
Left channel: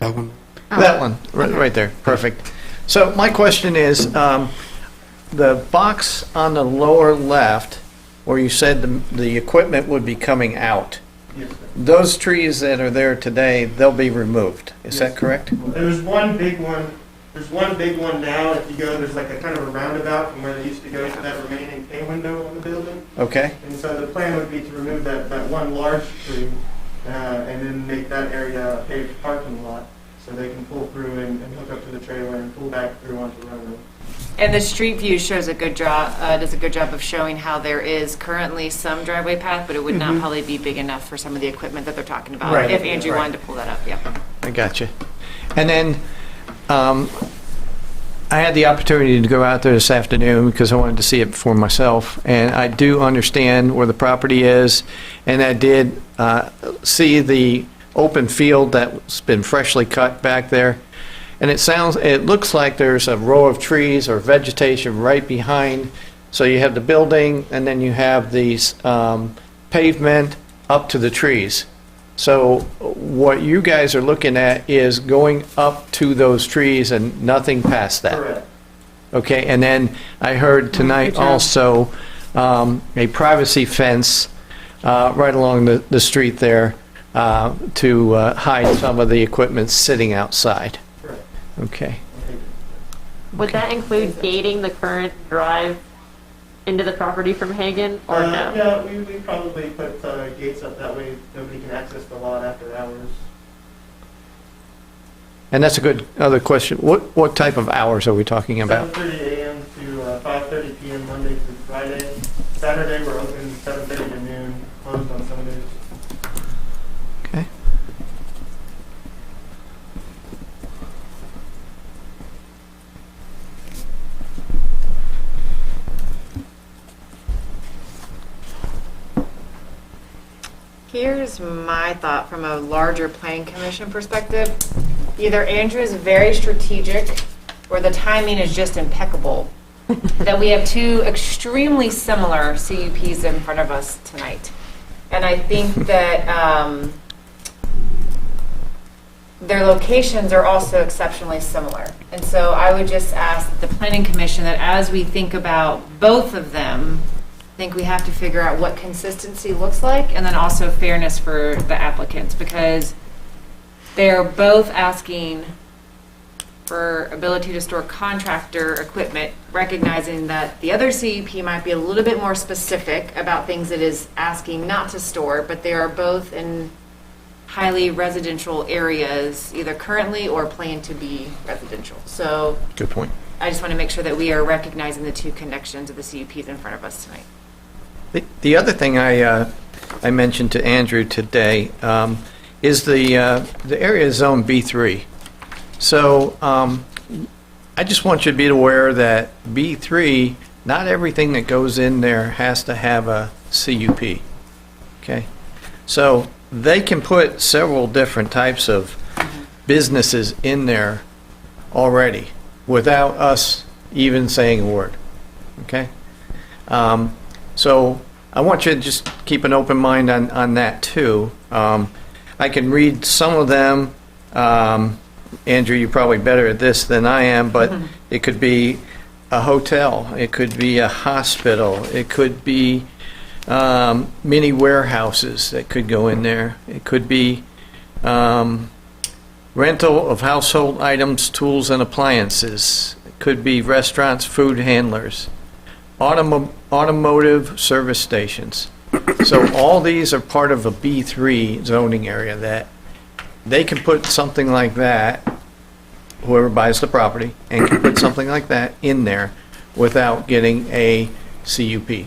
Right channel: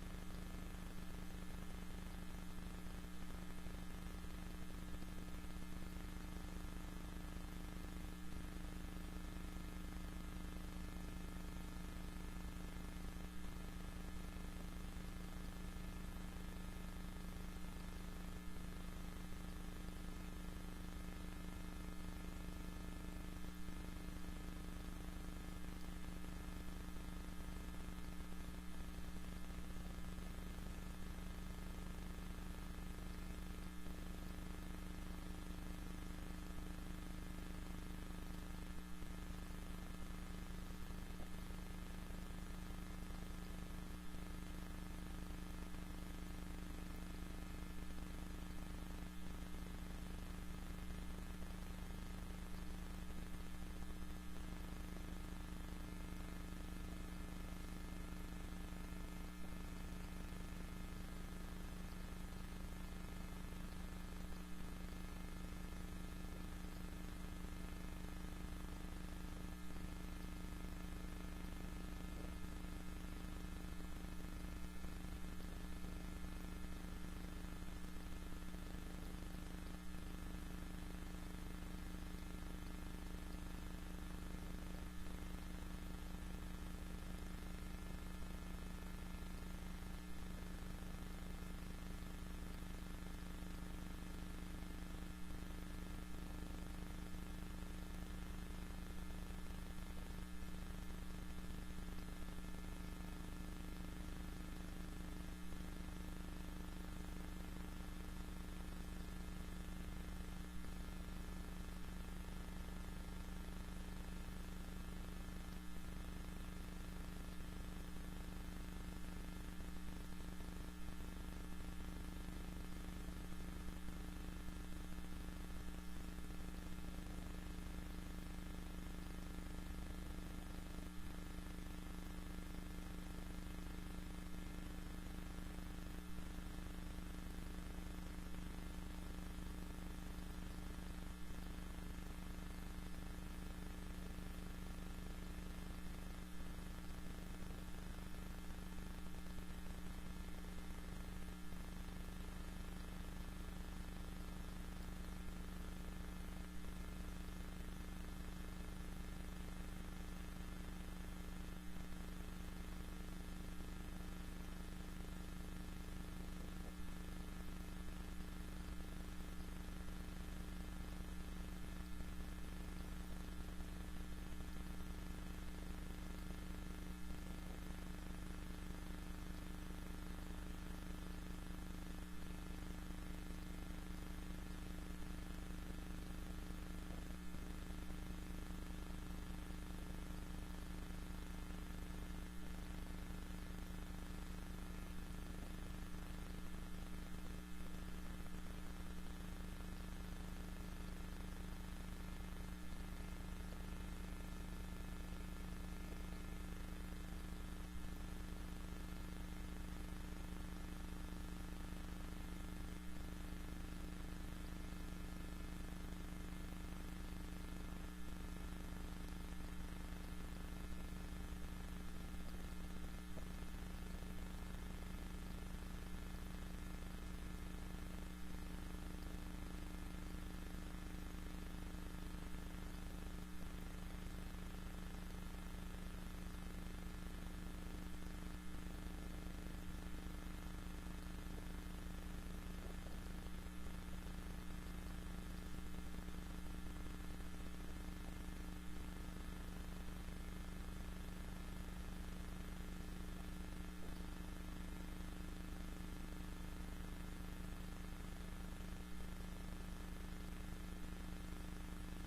That one. Oh. That one, right there. Perfect. So my question is, the box on the lower left, where you said the equipment would be coming out, Yes, sir. those trees that are there today, they'll be removed. Is that correct? There's one big one. There's one big one now. If you go, there's like a kind of a roundabout from where they used to go to that remaining pay window on the building. Okay. And so the plan would be to remove that one large tree and then make that area a paved parking lot so they can pull through and hook up to the trailer and pull back through onto the road. And the street view shows a good job, does a good job of showing how there is currently some driveway path, but it would not probably be big enough for some of the equipment that they're talking about. Right. If Andrew Right. wanted to pull that up, yeah. I got you. And then I had the opportunity to go out there this afternoon because I wanted to see it for myself. And I do understand where the property is. And I did see the open field that's been freshly cut back there. And it looks like there's a row of trees or vegetation right behind. So you have the building and then you have these pavement up to the trees. So what you guys are looking at is going up to those trees and nothing past that. Correct. Okay, and then I heard tonight also a privacy fence right along the street there to hide some of the equipment sitting outside. Correct. Okay. Would that include gating the current drive into the property from Hagen, or no? Yeah, we probably put gates up that way nobody can access the lot after hours. And that's a good other question. What type of hours are we talking about? 7:30 a.m. to 5:30 p.m. Monday through Friday. Saturday we're open 7:30 to noon, closed on Sundays. Okay. Here's my thought from a larger planning commission perspective. Either Andrew is very strategic or the timing is just impeccable. That we have two extremely similar CUPs in front of us tonight. And I think that their locations are also exceptionally similar. And so I would just ask the planning commission that as we think about both of them, I think we have to figure out what consistency looks like and then also fairness for the applicants, because they're both asking for ability to store contractor equipment, recognizing that the other CUP might be a little bit more specific about things it is asking not to store, but they are both in highly residential areas, either currently or plan to be residential. So Good point. I just want to make sure that we are recognizing the two connections of the CUPs in front of us tonight. The other thing I mentioned to Andrew today is the area is zone B3. So I just want you to be aware that B3, not everything that goes in there has to have a CUP. Okay? So they can put several different types of businesses in there already without us even saying a word. Okay? So I want you to just keep an open mind on that too. I can read some of them. Andrew, you're probably better at this than I am, but it could be a hotel, it could be a hospital, it could be mini warehouses that could go in there. It could be rental of household items, tools, and appliances. It could be restaurants, food handlers, automotive service stations. So all these are part of a B3 zoning area that they can put something like that, whoever buys the property, and can put something like that in there without getting a CUP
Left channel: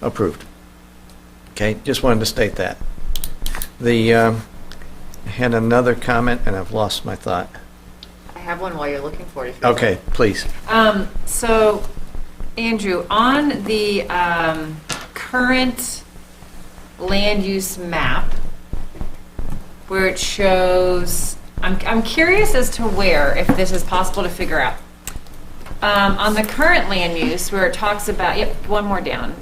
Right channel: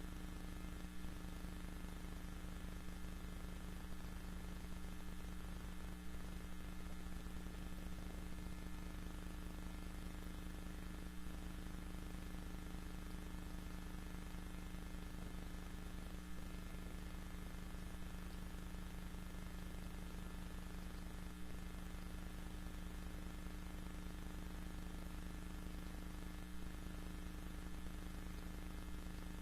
approved. Okay, just wanted to state that. I had another comment and I've lost my thought. I have one while you're looking for it. Okay, please. So, Andrew, on the current land use map, where it shows, I'm curious as to where, if this is possible to figure out. On the current land use, where it talks about, yep, one more down.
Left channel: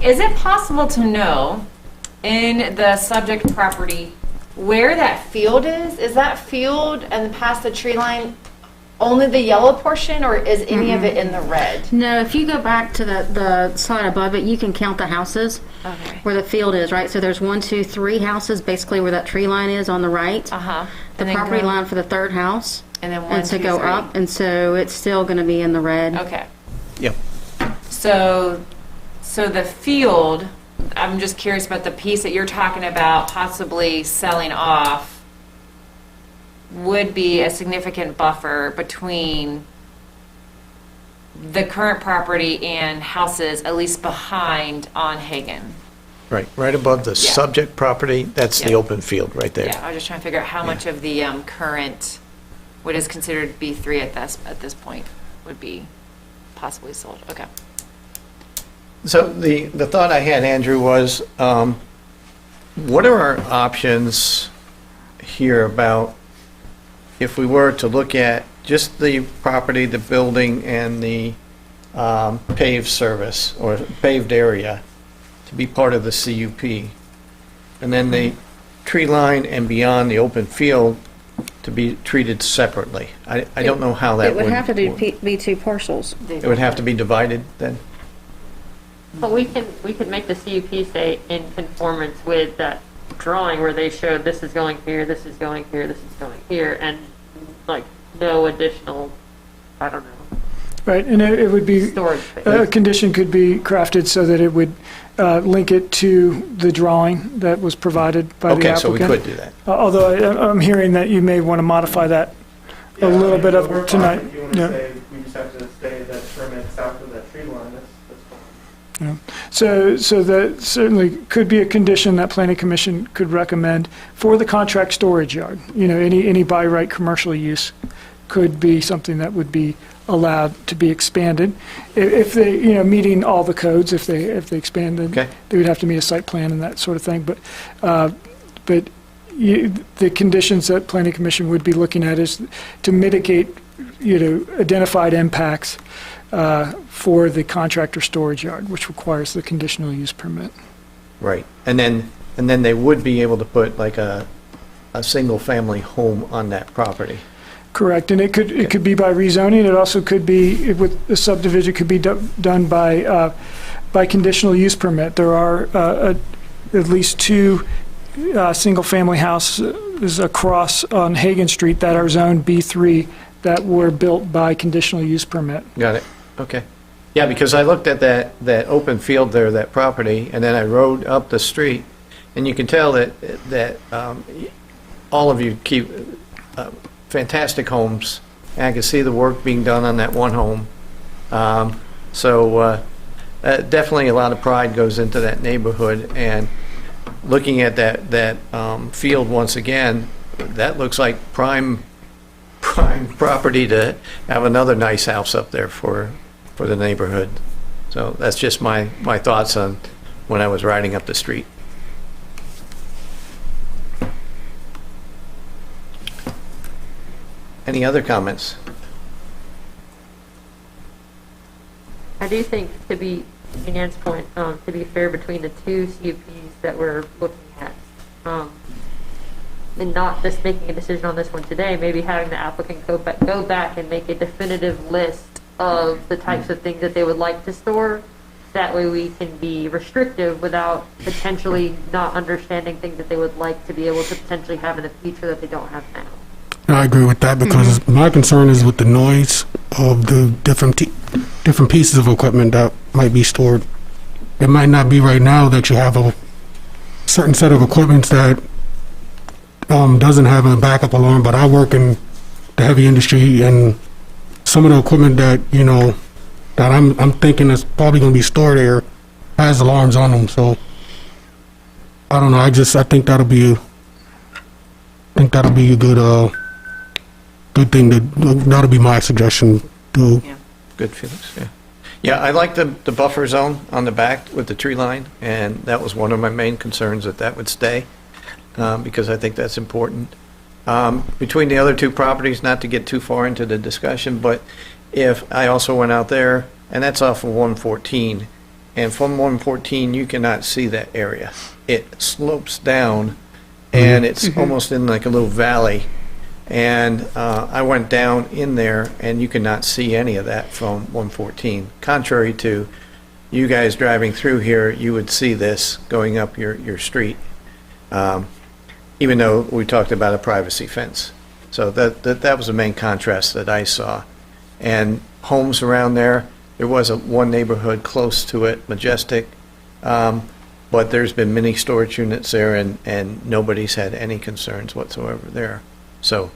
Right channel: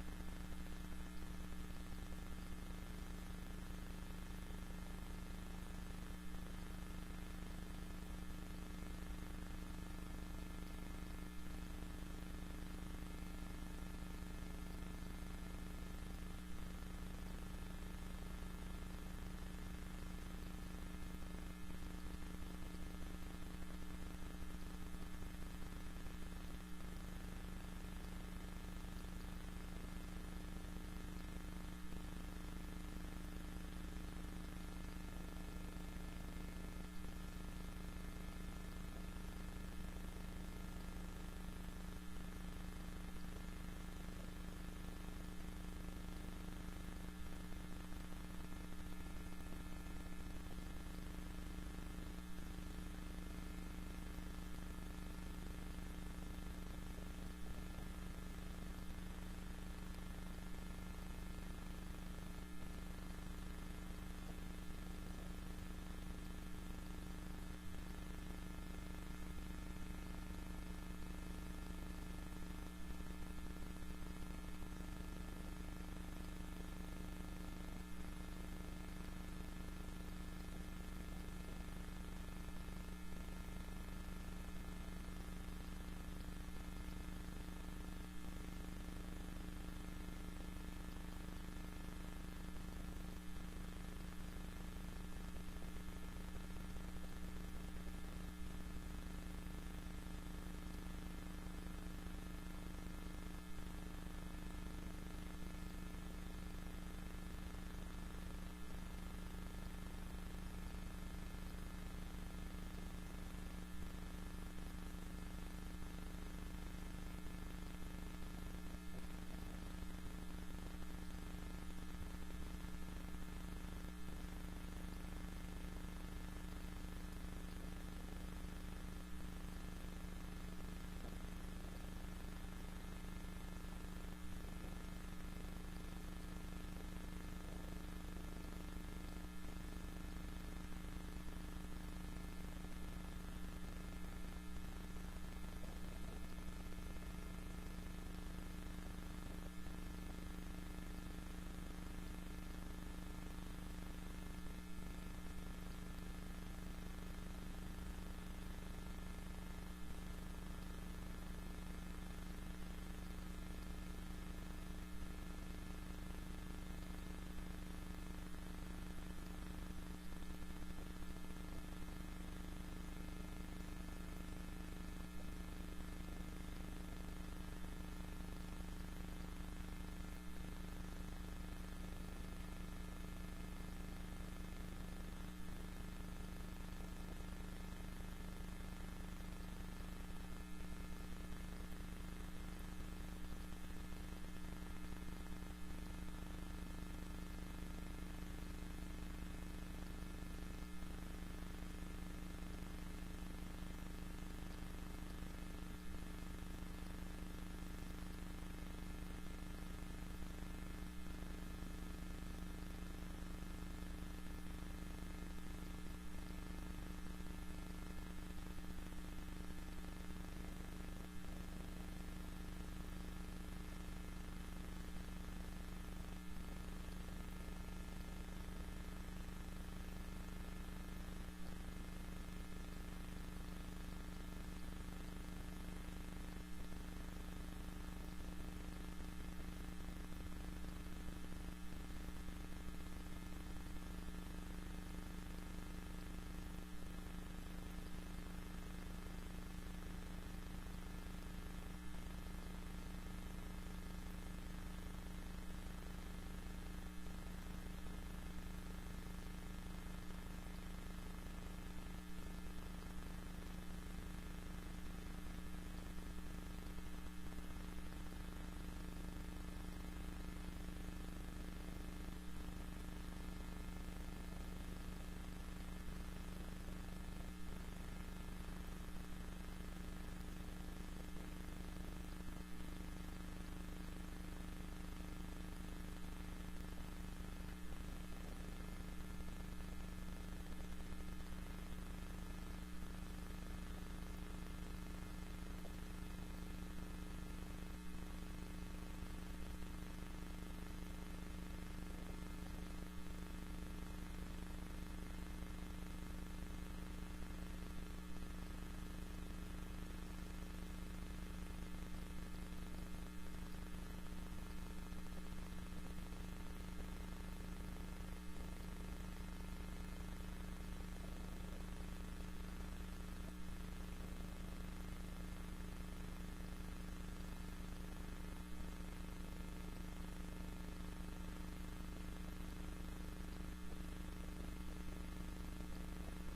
Is it possible to know in the subject property where that field is? Is that field and past the tree line only the yellow portion, or is any of it in the red? No, if you go back to the slide above it, you can count the houses where the field is, right? So there's 1, 2, 3 houses, basically where that tree line is on the right. The property line for the third house. And then 1, and 2, to go 3. up, and so it's still going to be in the red. Okay. Yep. So the field, I'm just curious about the piece that you're talking about possibly selling off, would be a significant buffer between the current property and houses, at least behind on Hagen. Right above the subject property, that's the open field right there. Yeah, I was just trying to figure out how much of the current, what is considered B3 at this point, would be possibly sold. Okay. So the thought I had, Andrew, was what are our options here about if we were to look at just the property, the building, and the paved service or paved area to be part of the CUP, and then the tree line and beyond the open field to be treated separately? I don't know how that It would have to be 2 parcels. It would have to be divided then? But we could make the CUP say in conformance with that drawing where they showed this is going here, this is going here, this is going here, and like no additional, I don't know. Right, and it would be, storage space. a condition could be crafted so that it would link it to the drawing that was provided by the applicant. Okay, so we could do that. Although I'm hearing that you may want to modify that a little bit We're of fine. tonight. If you want to Yeah. say, we just have to stay that permit south of that tree line, that's fine. So that certainly could be a condition that Planning Commission could recommend for the contract storage yard. You know, any by right commercial use could be something that would be allowed to be expanded. If they, meeting all the codes, if they expanded, Okay. they would have to meet a site plan and that sort of thing. But the conditions that Planning Commission would be looking at is to mitigate, identified impacts for the contractor storage yard, which requires the conditional use permit. Right, and then they would be able to put like a single-family home on that property. Correct, and it could be by rezoning. It also could be, with the subdivision, could be done by conditional use permit. There are at least 2 single-family houses across on Hagen Street that are zoned B3 that were built by conditional use permit. Got it, okay. Yeah, because I looked at that open field there, that property, and then I rode up the street, and you can tell that all of you keep fantastic homes, and I can see the work being done on that one home. So definitely a lot of pride goes into that neighborhood, and looking at that field once again, that looks like prime property to have another nice house up there for the neighborhood. So that's just my thoughts on when I was riding up the street. Any other comments? I do think, to be, to Ann's point, to be fair between the two CUPs that we're looking at, and not just making a decision on this one today, maybe having the applicant go back and make a definitive list of the types of things that they would like to store. That way we can be restrictive without potentially not understanding things that they would like to be able to potentially have in the future that they don't have now. I agree with that because my concern is with the noise of the different pieces of equipment that might be stored. It might not be right now that you have a certain set of equipment that doesn't have a backup alarm, but I work in the heavy industry, and some of the equipment that that I'm thinking is probably going to be stored there has alarms on them. So I don't know. I think that'll be a good thing. That'll be my suggestion too. Yeah. Good feelings. Yeah. Yeah, I like the buffer zone on the back with the tree line, and that was one of my main concerns, that would stay, because I think that's important. Between the other two properties, not to get too far into the discussion, but if I also went out there, and that's off of 114, and from 114 you cannot see that area. It slopes down, and it's almost in like a little valley. And I went down in there, and you could not see any of that from 114. Contrary to you guys driving through here, you would see this going up your street, even though we talked about a privacy fence. So that was the main contrast that I saw. And homes around there was one neighborhood close to it, Majestic, but there's been many storage units there, and nobody's had any concerns whatsoever there. So,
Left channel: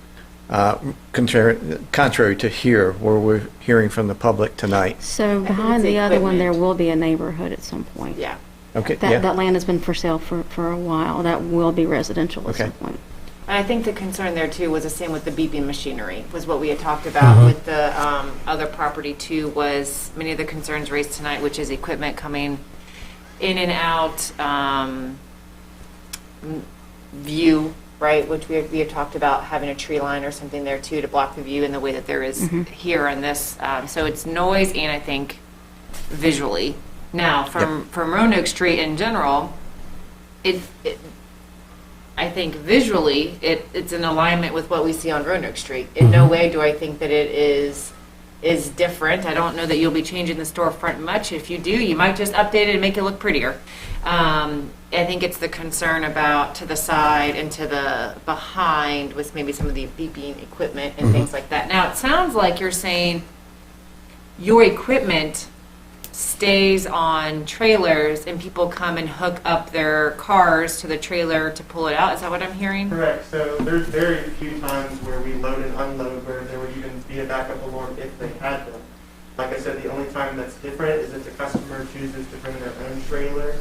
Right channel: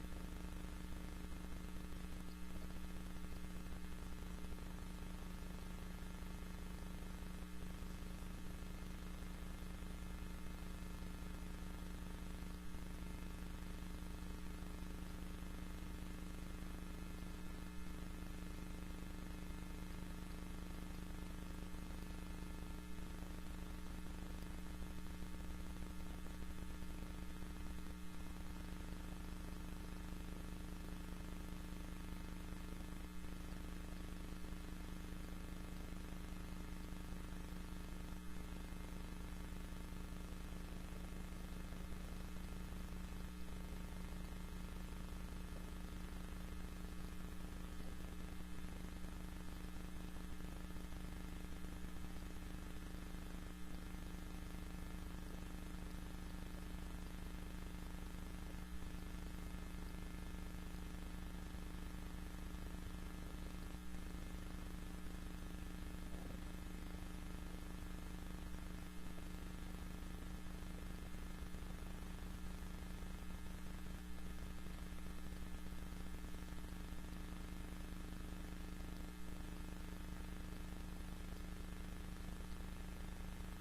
contrary to here, where we're hearing from the public tonight. So behind the other one, there will be a neighborhood at some point. Yeah. Okay. That land has been for sale for a while. That will be residential at some point. And I think the concern there too was the same with the beeping machinery, was what we had talked about with the other property too, was many of the concerns raised tonight, which is equipment coming in and out, view, right, which we had talked about having a tree line or something there too to block the view in the way that there is here on this. So it's noise and I think visually. Now, from Roanoke Street in general, I think visually it's in alignment with what we see on Roanoke Street. In no way do I think that it is different. I don't know that you'll be changing the storefront much. If you do, you might just update it and make it look prettier. I think it's the concern about to the side and to the behind with maybe some of the beeping equipment and things like that. Now, it sounds like you're saying your equipment stays on trailers and people come and hook up their cars to the trailer to pull it out. Is that what I'm hearing? Correct. So there's very few times where we load and unload where there would even be a backup alarm if they had them. Like I said, the only time that's different is if the customer chooses to bring their own trailer,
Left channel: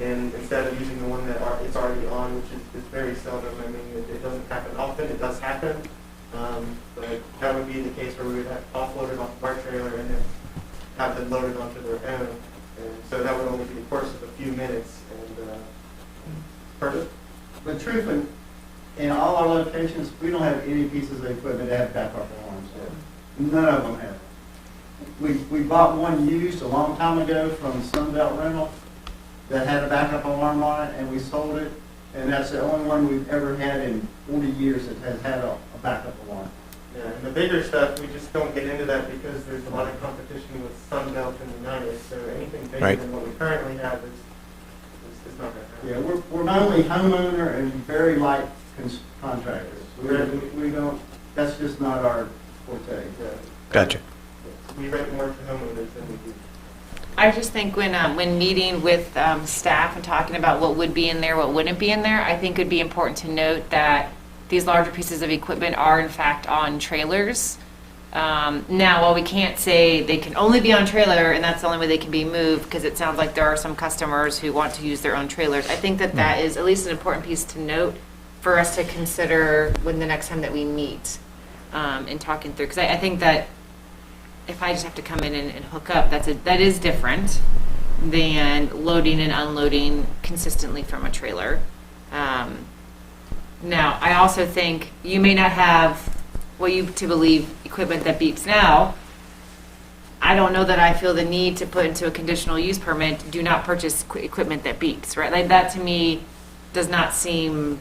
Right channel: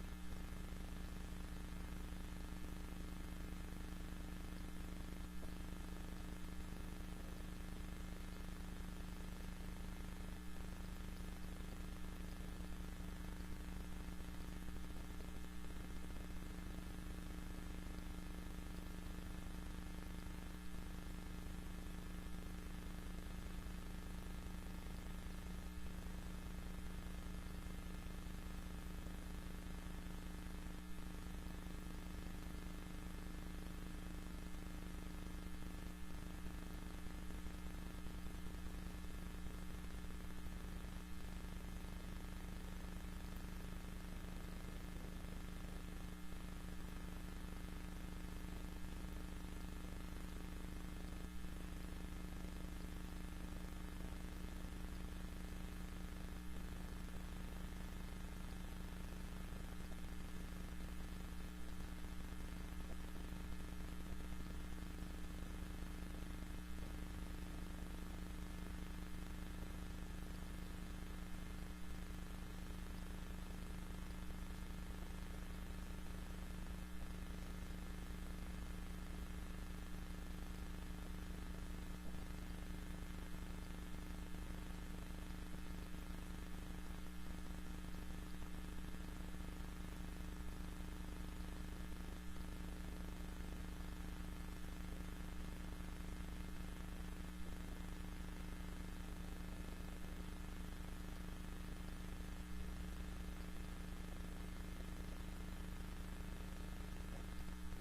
and instead of using the one that it's already on, which is very seldom. I mean, it doesn't happen often. It does happen, but that would be the case where we would have offload it off of our trailer and then have them loaded onto their own. And so that would only be a course of a few minutes. And perfect. But truthfully, in all our locations, we don't have any pieces of equipment that have backup alarms. None of them have. We bought one used a long time ago from Sunbelt Rental that had a backup alarm on it, and we sold it, and that's the only one we've ever had in 40 years that has had a backup alarm. Yeah, and the bigger stuff, we just don't get into that because there's a lot of competition with Sunbelt and United, so anything bigger than what we currently have is not going to happen. Yeah, we're mainly homeowner and very light contractors. We don't, that's just not our forte. Gotcha. We rent more to homeowners than we do. I just think when meeting with staff and talking about what would be in there, what wouldn't be in there, I think it would be important to note that these larger pieces of equipment are in fact on trailers. Now, while we can't say they can only be on trailer and that's the only way they can be moved, because it sounds like there are some customers who want to use their own trailers, I think that that is at least an important piece to note for us to consider when the next time that we meet and talking through. Because I think that if I just have to come in and hook up, that is different than loading and unloading consistently from a trailer. Now, I also think you may not have what you to believe equipment that beeps now. I don't know that I feel the need to put into a conditional use permit, do not purchase equipment that beeps, right? Like that to me does not seem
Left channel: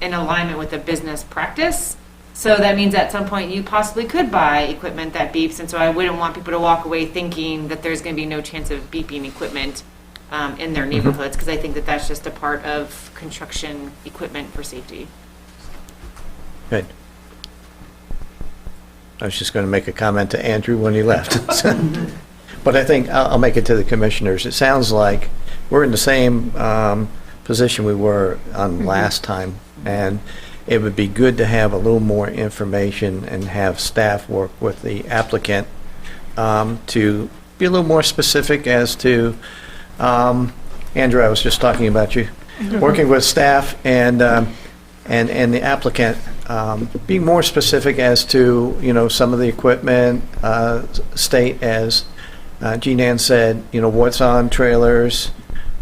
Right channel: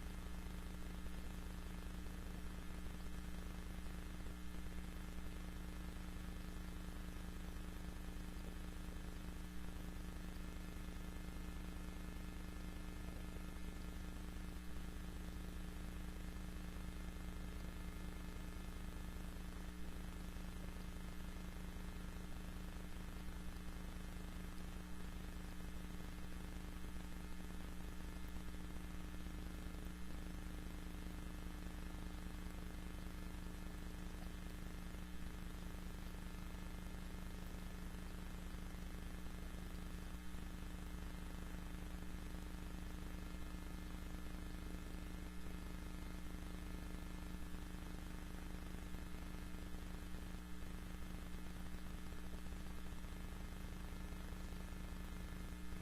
in alignment with a business practice. So that means at some point you possibly could buy equipment that beeps, and so I wouldn't want people to walk away thinking that there's going to be no chance of beeping equipment in their neighborhoods, because I think that that's just a part of construction equipment for safety. Good. I was just going to make a comment to Andrew when he left. But I think I'll make it to the commissioners. It sounds like we're in the same position we were on last time, and it would be good to have a little more information and have staff work with the applicant to be a little more specific as to, Andrew, I was just talking about you, working with staff and the applicant, being more specific as to, some of the equipment, state as Jean Ann said, what's on trailers,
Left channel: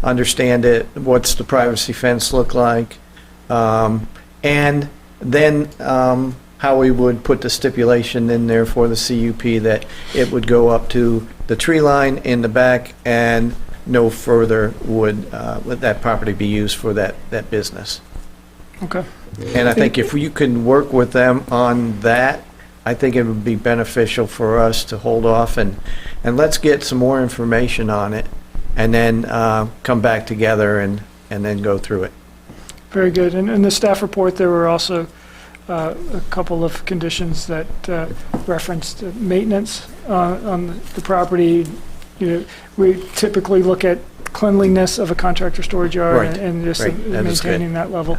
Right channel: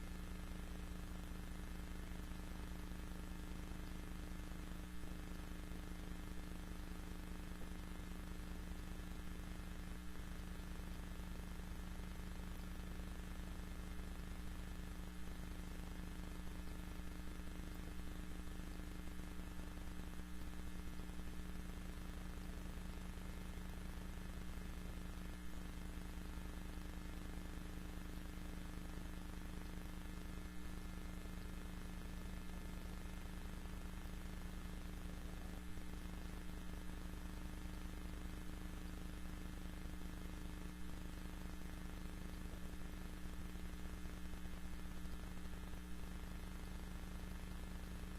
understand it, what's the privacy fence look like, and then how we would put the stipulation in there for the CUP that it would go up to the tree line in the back and no further would let that property be used for that business. Okay. And I think if you can work with them on that, I think it would be beneficial for us to hold off and let's get some more information on it and then come back together and then go through it. Very good. And in the staff report, there were also a couple of conditions that referenced maintenance on the property. We typically look at cleanliness of a contractor storage yard Right. and just Right. That is maintaining good. that level.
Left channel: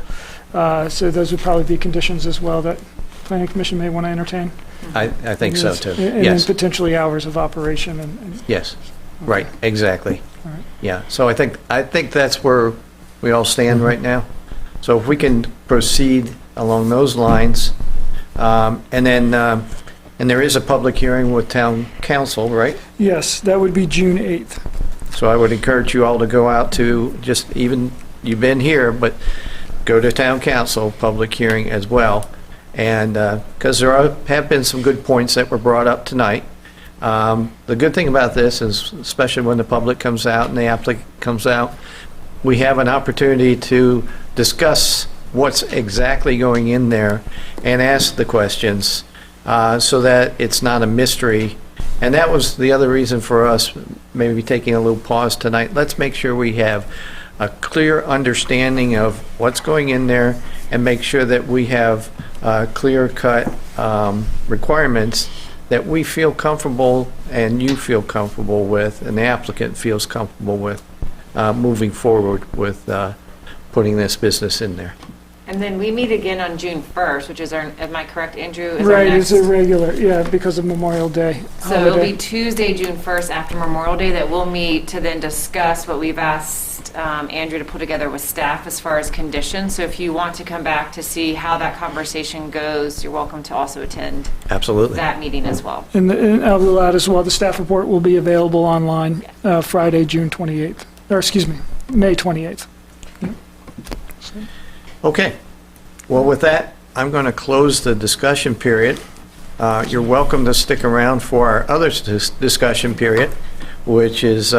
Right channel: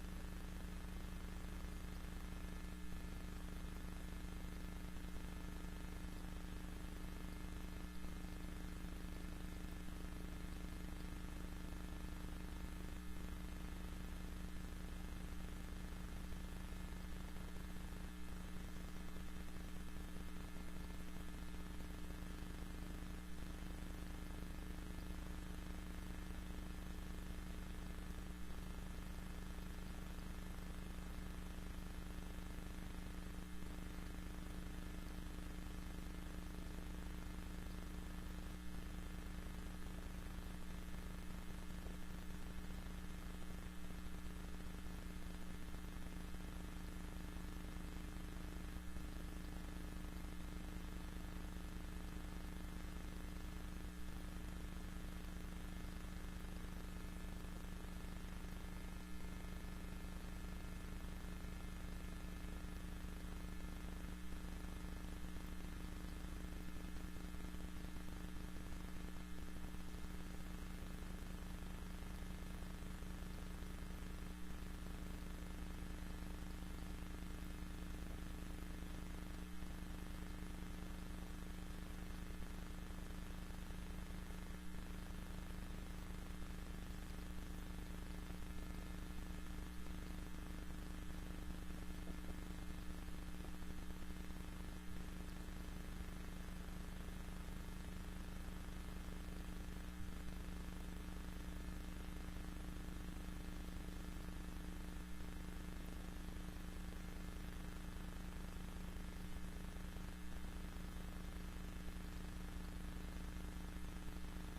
So those would probably be conditions as well that Planning Commission may want to entertain. I think so too. And Yes. then potentially hours of operation and Yes. Right. Exactly. All right. Yeah. So I think that's where we all stand right now. So if we can proceed along those lines, and then and there is a public hearing with town council, right? yes, that would be June 8th. So I would encourage you all to go out to just even, you've been here, but go to town council public hearing as well. And because have been some good points that were brought up tonight. The good thing about this is, especially when the public comes out and the applicant comes out, we have an opportunity to discuss what's exactly going in there and ask the questions so that it's not a mystery. And that was the other reason for us maybe taking a little pause tonight. Let's make sure we have a clear understanding of what's going in there and make sure that we have clear-cut requirements that we feel comfortable and you feel comfortable with and the applicant feels comfortable with moving forward with putting this business in there. And then we meet again on June 1st, which is am I correct, Andrew? Is our Right, next- it's irregular, yeah, because of Memorial Day. So it'll holiday. be Tuesday, June 1st, after Memorial Day, that we'll meet to then discuss what we've asked Andrew to put together with staff as far as conditions. So if you want to come back to see how that conversation goes, you're welcome to also attend Absolutely. that meeting as well. And I will add as well, the staff report will be available online Friday, June 28th, or excuse me, May 28th. Okay. Well, with that, I'm going to close the discussion period. You're welcome to stick around for our other discussion period, which is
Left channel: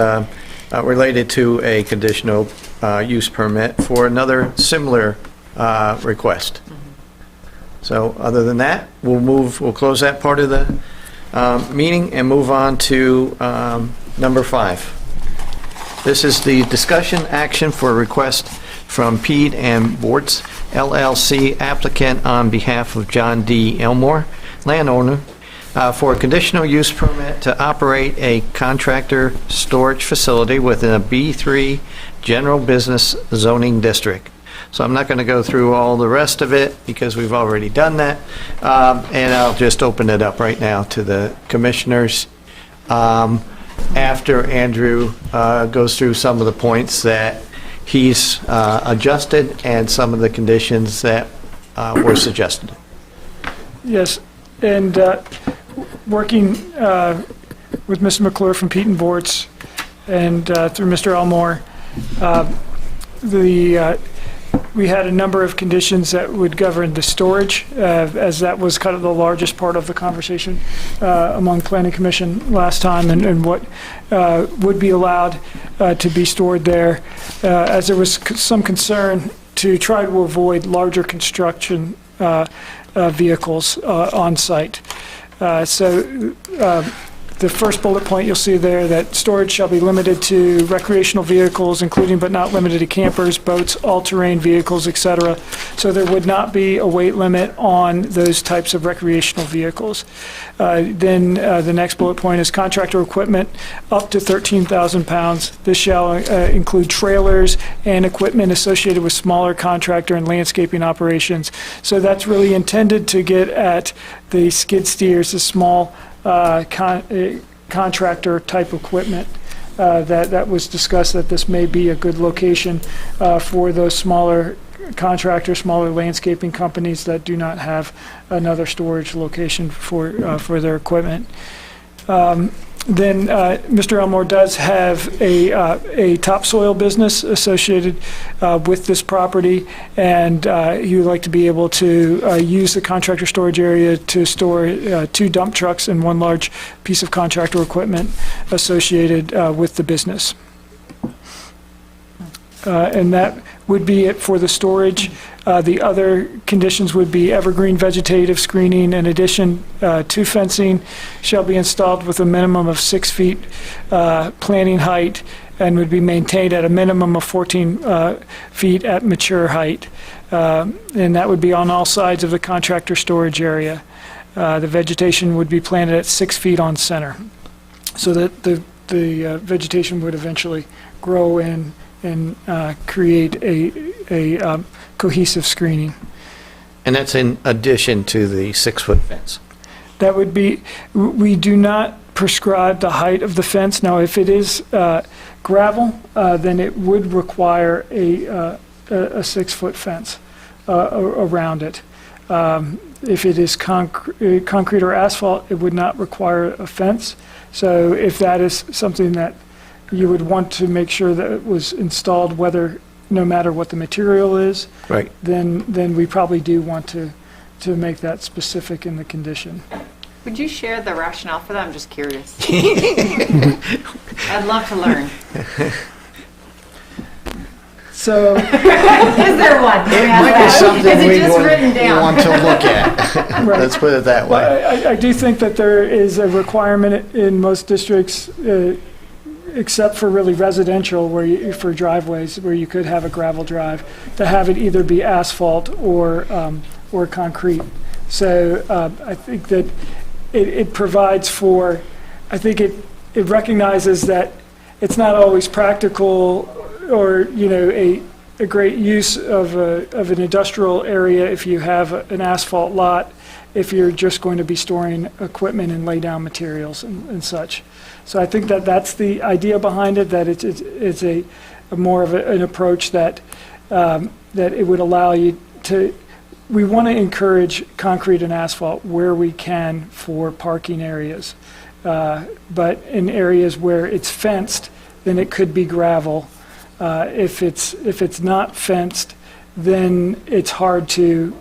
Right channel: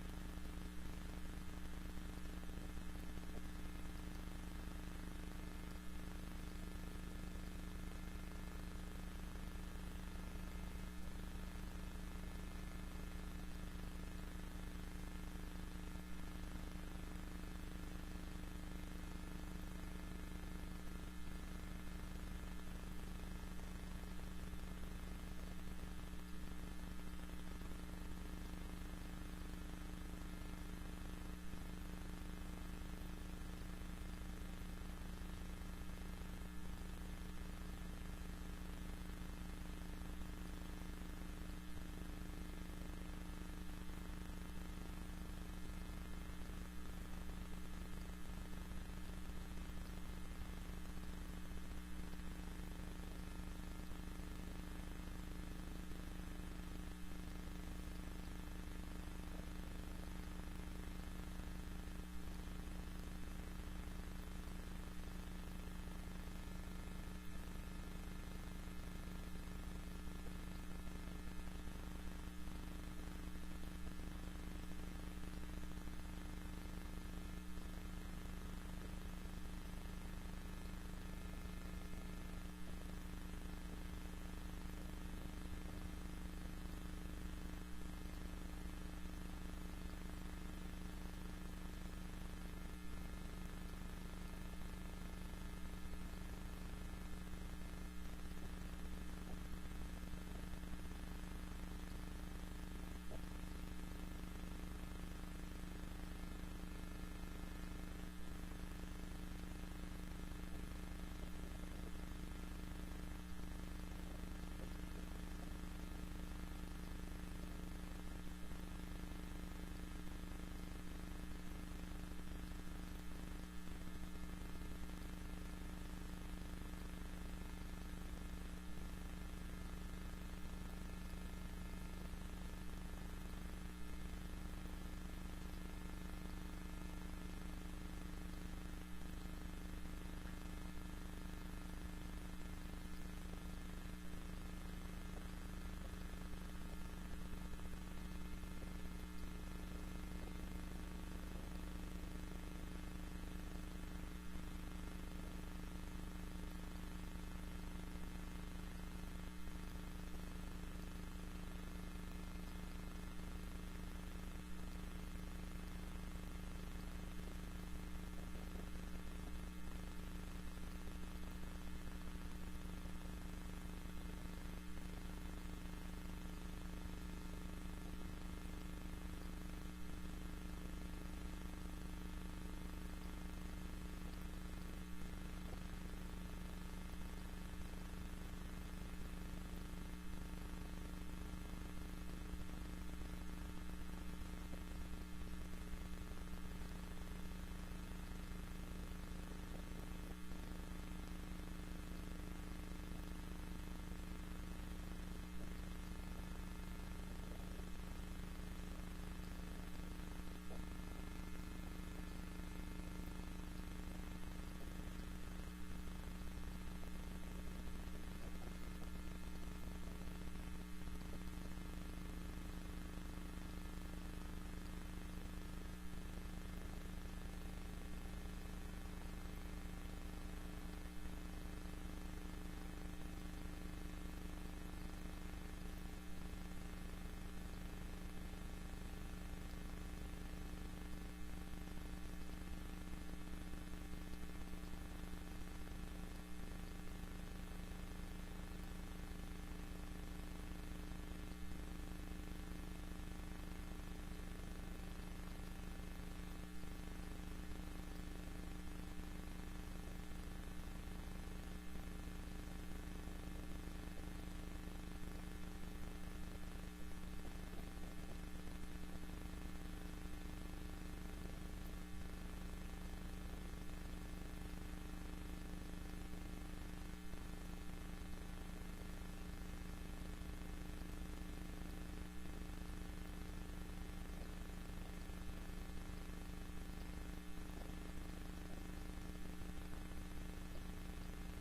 related to a conditional use permit for another similar request. So other than that, we'll close that part of the meeting and move on to number 5. This is the discussion action for a request from Pede and Bortz LLC applicant on behalf of John D. Elmore, landowner, for a conditional use permit to operate a contractor storage facility within a B3 general business zoning district. So I'm not going to go through all the rest of it because we've already done that. And I'll just open it up right now to the commissioners. After Andrew goes through some of the points that he's adjusted and some of the conditions that were suggested. Yes, and working with Mr. McClure from Pete & Bortz and through Mr. Elmore, we had a number of conditions that would govern the storage, as that was kind of the largest part of the conversation among Planning Commission last time, and what would be allowed to be stored there, as there was some concern to try to avoid larger construction vehicles on site. The first bullet point you'll see there, that storage shall be limited to recreational vehicles, including but not limited to campers, boats, all-terrain vehicles, etc. So there would not be a weight limit on those types of recreational vehicles. Then the next bullet point is contractor equipment up to 13,000 pounds. This shall include trailers and equipment associated with smaller contractor and landscaping operations. So that's really intended to get at the skid steers, the small contractor type equipment that was discussed, that this may be a good location for those smaller contractors, smaller landscaping companies that do not have another storage location for their equipment. Then Mr. Elmore does have a topsoil business associated with this property, and he would like to be able to use the contractor storage area to store 2 dump trucks and 1 large piece of contractor equipment associated with the business. And that would be it for the storage. The other conditions would be evergreen vegetative screening. In addition to fencing, shall be installed with a minimum of 6 feet planting height, and would be maintained at a minimum of 14 feet at mature height. And that would be on all sides of the contractor storage area. The vegetation would be planted at 6 feet on center, so that the vegetation would eventually grow in and create a cohesive screening. And that's in addition to the 6-foot fence. That would be, we do not prescribe the height of the fence. Now, if it is gravel, then it would require a 6-foot fence around it. If it is concrete or asphalt, it would not require a fence. So if that is something that you would want to make sure that it was installed, no matter what the material is, right, then we probably do want to make that specific in the condition. Would you share the rationale for that? I'm just curious. I'd love to learn. So, is there one? It might be something we want to look at. Right. Let's put it that way. Well, I do think that there is a requirement in most districts, except for really residential, for driveways, where you could have a gravel drive, to have it either be asphalt or concrete. So I think that it provides for, I think it recognizes that it's not always practical or a great use of an industrial area if you have an asphalt lot, if you're just going to be storing equipment and lay down materials and such. So I think that that's the idea behind it, that it's a more of an approach that it would allow you to. We want to encourage concrete and asphalt where we can for parking areas, but in areas where it's fenced, then it could be gravel. If it's not fenced, then it's hard to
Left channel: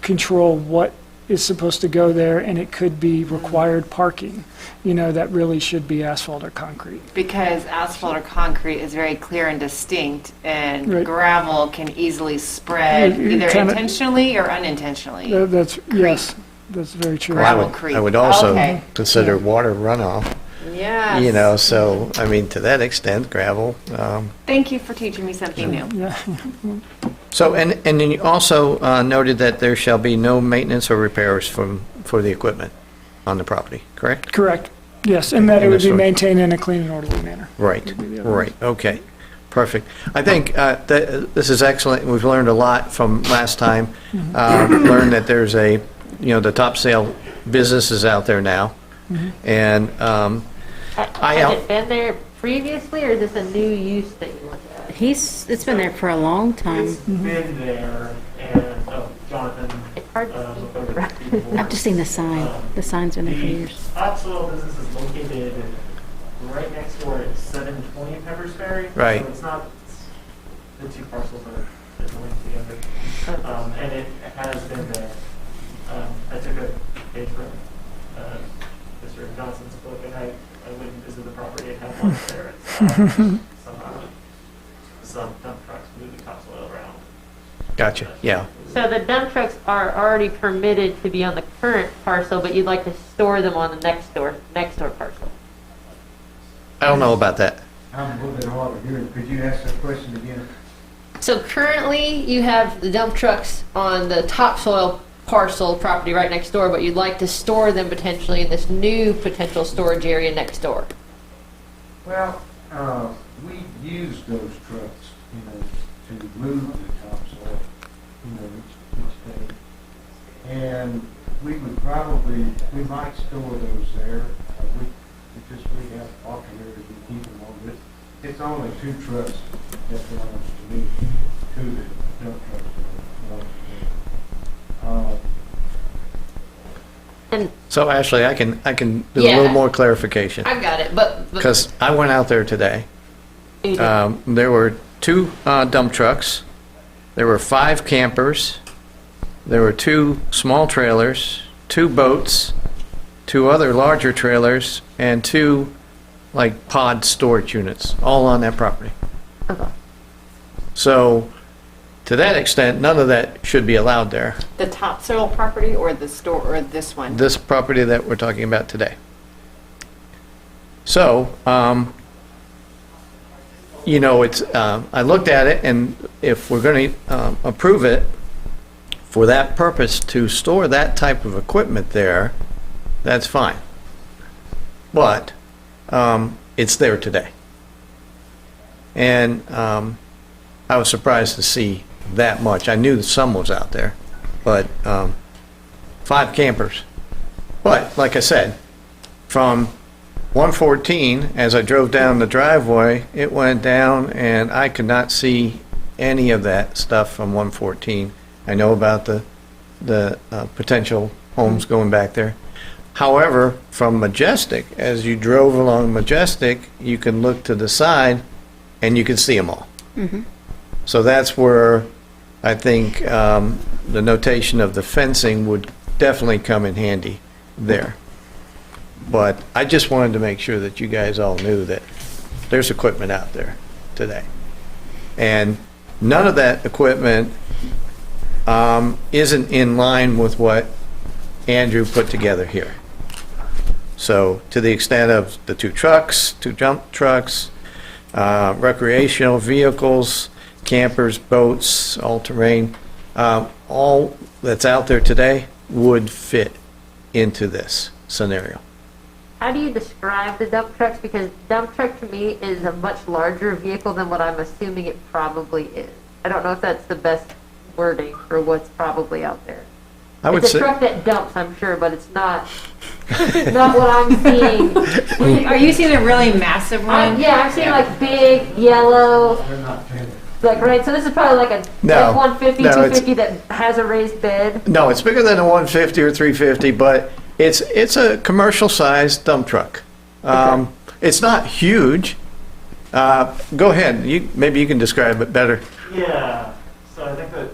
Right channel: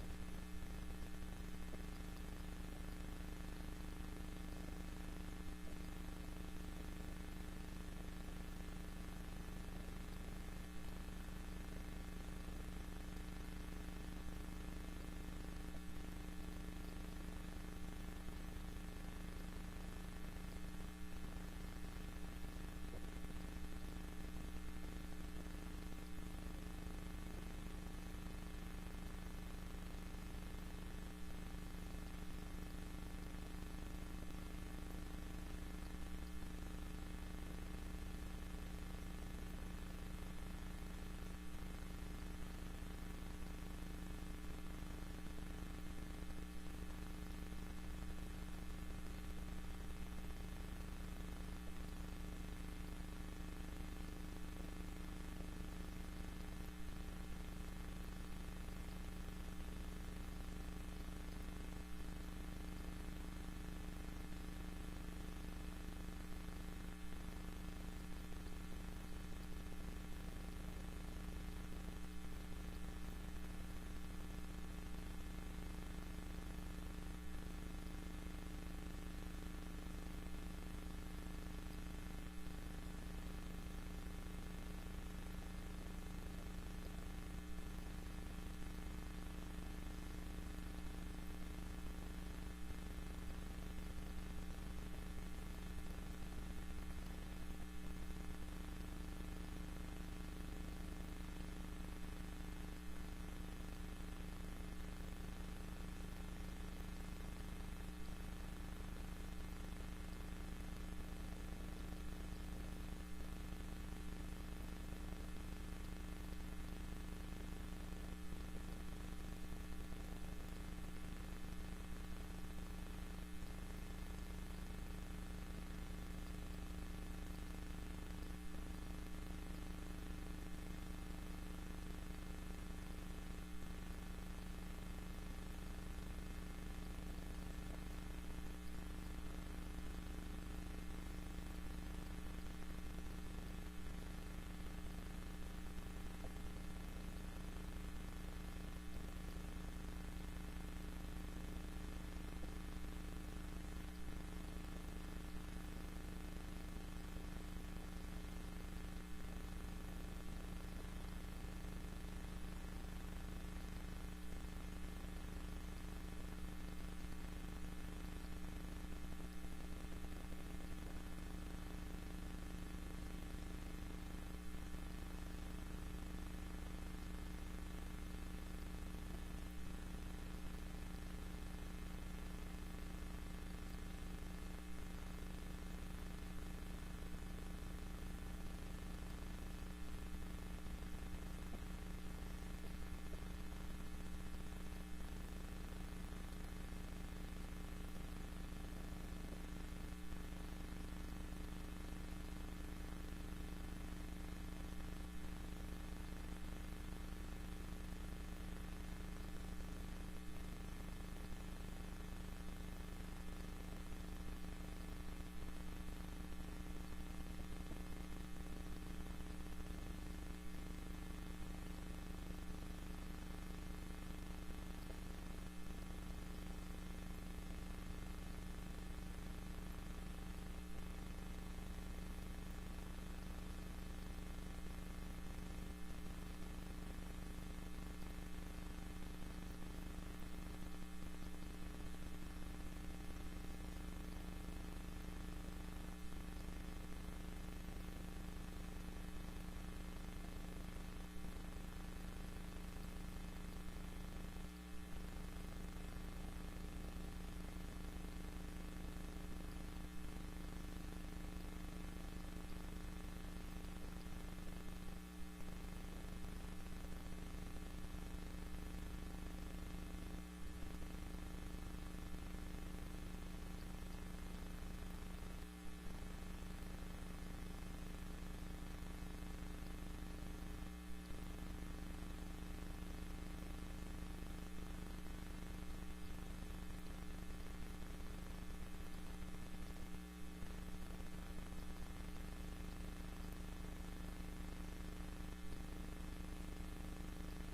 control what is supposed to go there, and it could be required parking, that really should be asphalt or concrete. Because asphalt or concrete is very clear and distinct, and Right. gravel can easily spread Yeah, either kinda- intentionally or unintentionally. Yes, that's very true. Gravel creek. I would also Okay. consider water runoff. Yes. So, I mean, to that extent, gravel. Thank you for teaching me something new. Yeah. So, and then you also noted that there shall be no maintenance or repairs for the equipment on the property, correct? Correct. Yes, and that it would be And maintained in a clean and orderly manner. Right, Would be the other right, okay. Perfect. I think that this is excellent. We've learned a lot from last time. Learned that there's the top sale business is out there now. And Has it been there previously, or is this a new use that you look at? It's been there for a long time. It's been there, and Jonathan. It's hard to see. I've just seen the sign. The sign's been there for years. Topsoil business is located right next door at 720 Peppersberry. Right. So it's not, the two parcels are linked together. And it has been there. I took a page from Mr. Johnson's book, and I went and visited the property and had lunch there. Some dump trucks moving topsoil around. gotcha. Yeah. So the dump trucks are already permitted to be on the current parcel, but you'd like to store them on the next door parcel. I don't know about that. I'm a little bit hard of hearing. Could you ask that question again? So currently, you have the dump trucks on the topsoil parcel property right next door, but you'd like to store them potentially in this new potential storage area next door. Well, we use those trucks, to move the topsoil, each day. And we might store those there. We have operators, we keep them on this. It's only 2 trucks that belongs to me, 2 that dump trucks that belong to me. And So Ashley, I can do a Yeah. little more clarification. I got it, but Because I went out there today. You did. There were 2 dump trucks. There were 5 campers. There were 2 small trailers, 2 boats, 2 other larger trailers, and 2 like pod storage units, all on that property. okay. So to that extent, none of that should be allowed there. The topsoil property or the store, or this one? This property that we're talking about today. So, it's, I looked at it, and if we're going to approve it for that purpose to store that type of equipment there, that's fine. But it's there today. And I was surprised to see that much. I knew that some was out there, but 5 campers. But like I said, from 114, as I drove down the driveway, it went down, and I could not see any of that stuff from 114. I know about the potential homes going back there. However, from Majestic, as you drove along Majestic, you can look to the side, and you can see them all. Mm-hmm. So that's where I think the notation of the fencing would definitely come in handy there. But I just wanted to make sure that you guys all knew that there's equipment out there today. And none of that equipment isn't in line with what Andrew put together here. So to the extent of the 2 trucks, 2 dump trucks, recreational vehicles, campers, boats, all-terrain, all that's out there today would fit into this scenario. How do you describe the dump trucks? Because dump truck to me is a much larger vehicle than what I'm assuming it probably is. I don't know if that's the best wording for what's probably out there. I would It's a say, truck that dumps, I'm sure, but it's not what I'm seeing. Are you seeing a really massive one? Yeah, I'm seeing like big, yellow, They're not tended. like, right, so this is probably like a No. F-150, No, it's- 250 that has a raised bed. no, it's bigger than a 150 or 350, but it's a commercial-sized dump truck. It's not huge. Go ahead, maybe you can describe it better. Yeah, so I think that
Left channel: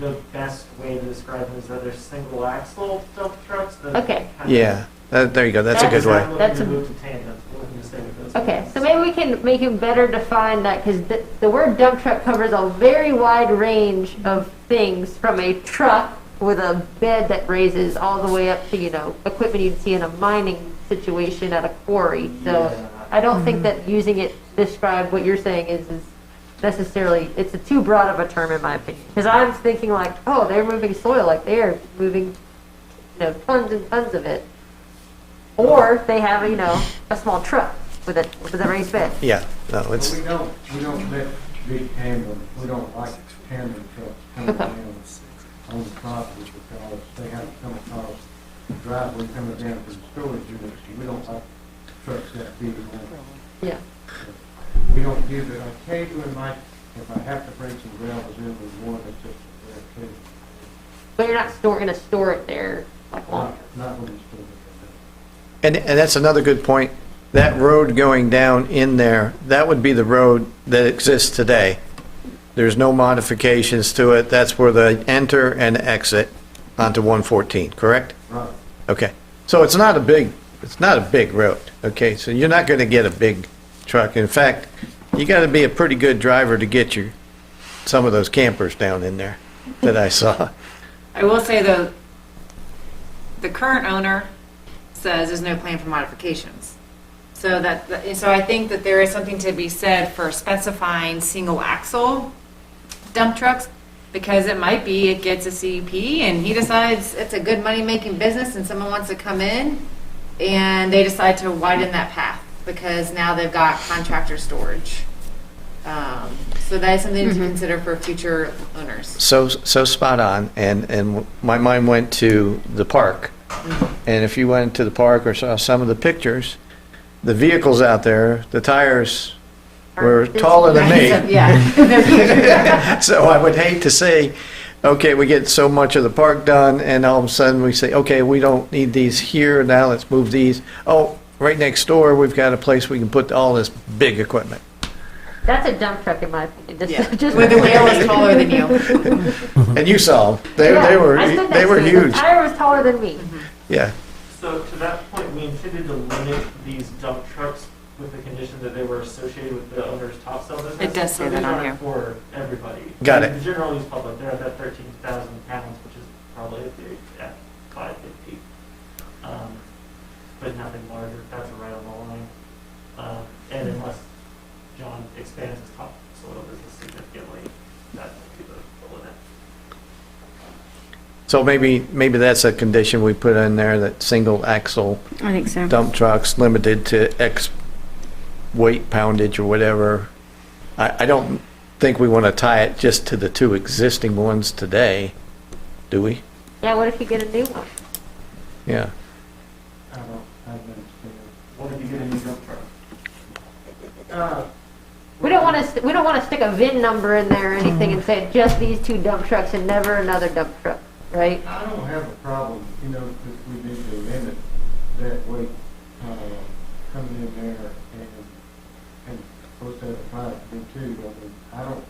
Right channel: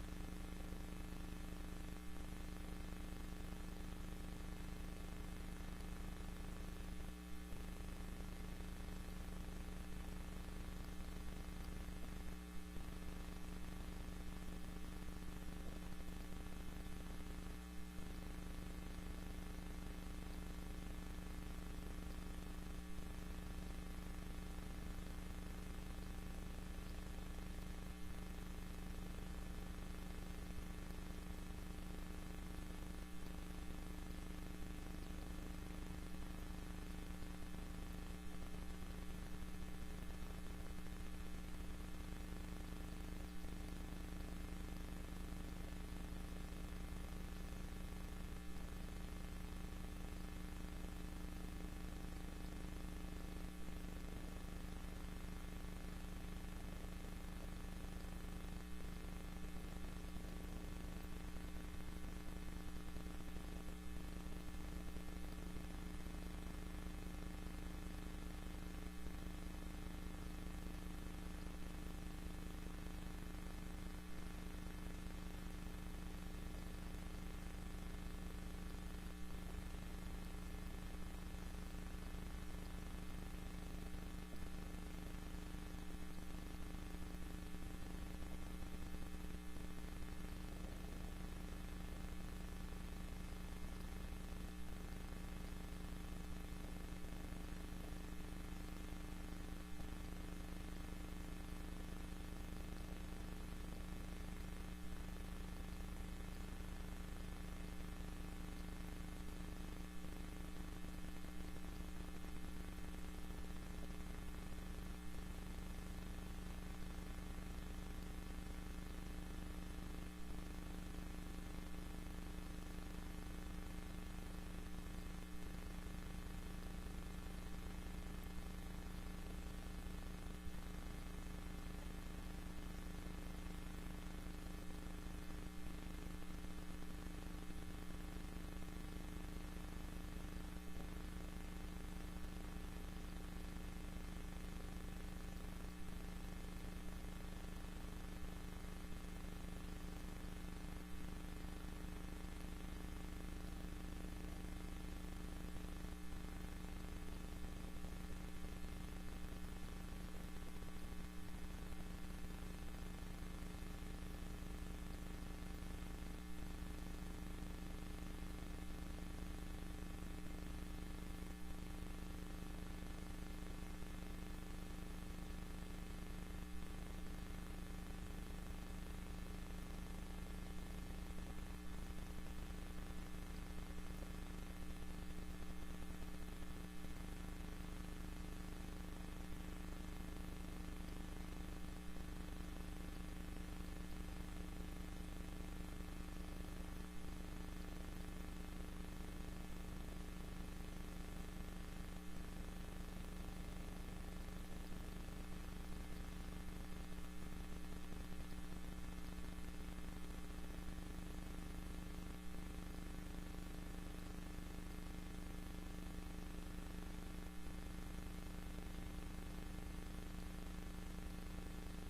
the best way to describe them is that they're single axle dump trucks. That Okay. kind of- Yeah, there you go, that's a good way. Looking That's to a- move to tandem, looking to stay with those. Okay, so maybe we can make it better define that, because the word dump truck covers a very wide range of things, from a truck with a bed that raises all the way up to, equipment you'd see in a mining situation at a quarry. So I don't think that using it to describe what you're saying is necessarily, it's too broad of a term in my opinion. Because I'm thinking like, oh, they're moving soil, like they're moving, tons and tons of it. Or they have, a small truck. with it, with the raised bed. Yeah, no, it's, We don't let big tandem, we don't like tandem trucks coming Okay. down on the property because they have to come across the driveway coming down to the storage units. We don't like trucks that big. Yeah. We don't do that. Occasionally, Mike, if I have to bring some gravels in, we want it just, But you're not gonna store it there like long. not when it's still. and that's another good point. That road going down in there, that would be the road that exists today. There's no modifications to it. That's where they enter and exit onto 114, correct? Right. Okay. So it's not a big road, okay? So you're not going to get a big truck. In fact, you got to be a pretty good driver to get some of those campers down in there that I saw. I will say though, the current owner says there's no plan for modifications. So so I think that there is something to be said for specifying single axle dump trucks, because it might be it gets a CUP and he decides it's a good money-making business and someone wants to come in and they decide to widen that path because now they've got contractor storage. So that is something to consider for future owners. So spot on, and my mind went to the park. And if you went to the park or saw some of the pictures, the vehicles out there, the tires were taller than me. Yeah. So I would hate to say, okay, we get so much of the park done, and all of a sudden we say, okay, we don't need these here, now let's move these. Oh, right next door, we've got a place we can put all this big equipment. That's a dump truck in my opinion. Yeah. Just Where the wheel is taller than you. And you saw them. They I were stood next to it. huge. The tire was taller than me. Yeah. So to that point, we intended to limit these dump trucks with the condition that they were associated with the owner's top sale business. It does say So that these on aren't here. for everybody. Got it. The general use public, they're at that 13,000 pounds, which is probably at 550. But nothing larger, that's right on the line. And unless John expands his top soil business significantly, that would be the limit. So maybe that's a condition we put in there, that single axle I think so. dump trucks limited to X weight poundage or whatever. I don't think we want to tie it just to the two existing ones today, do we? Yeah, what if you get a new one? Yeah. I don't understand. What if you get a new dump truck? We don't want to stick a VIN number in there or anything and say just these two dump trucks and never another dump truck, right? I don't have a problem, because we need to limit that weight, coming in there and supposed to have a pipe too. I don't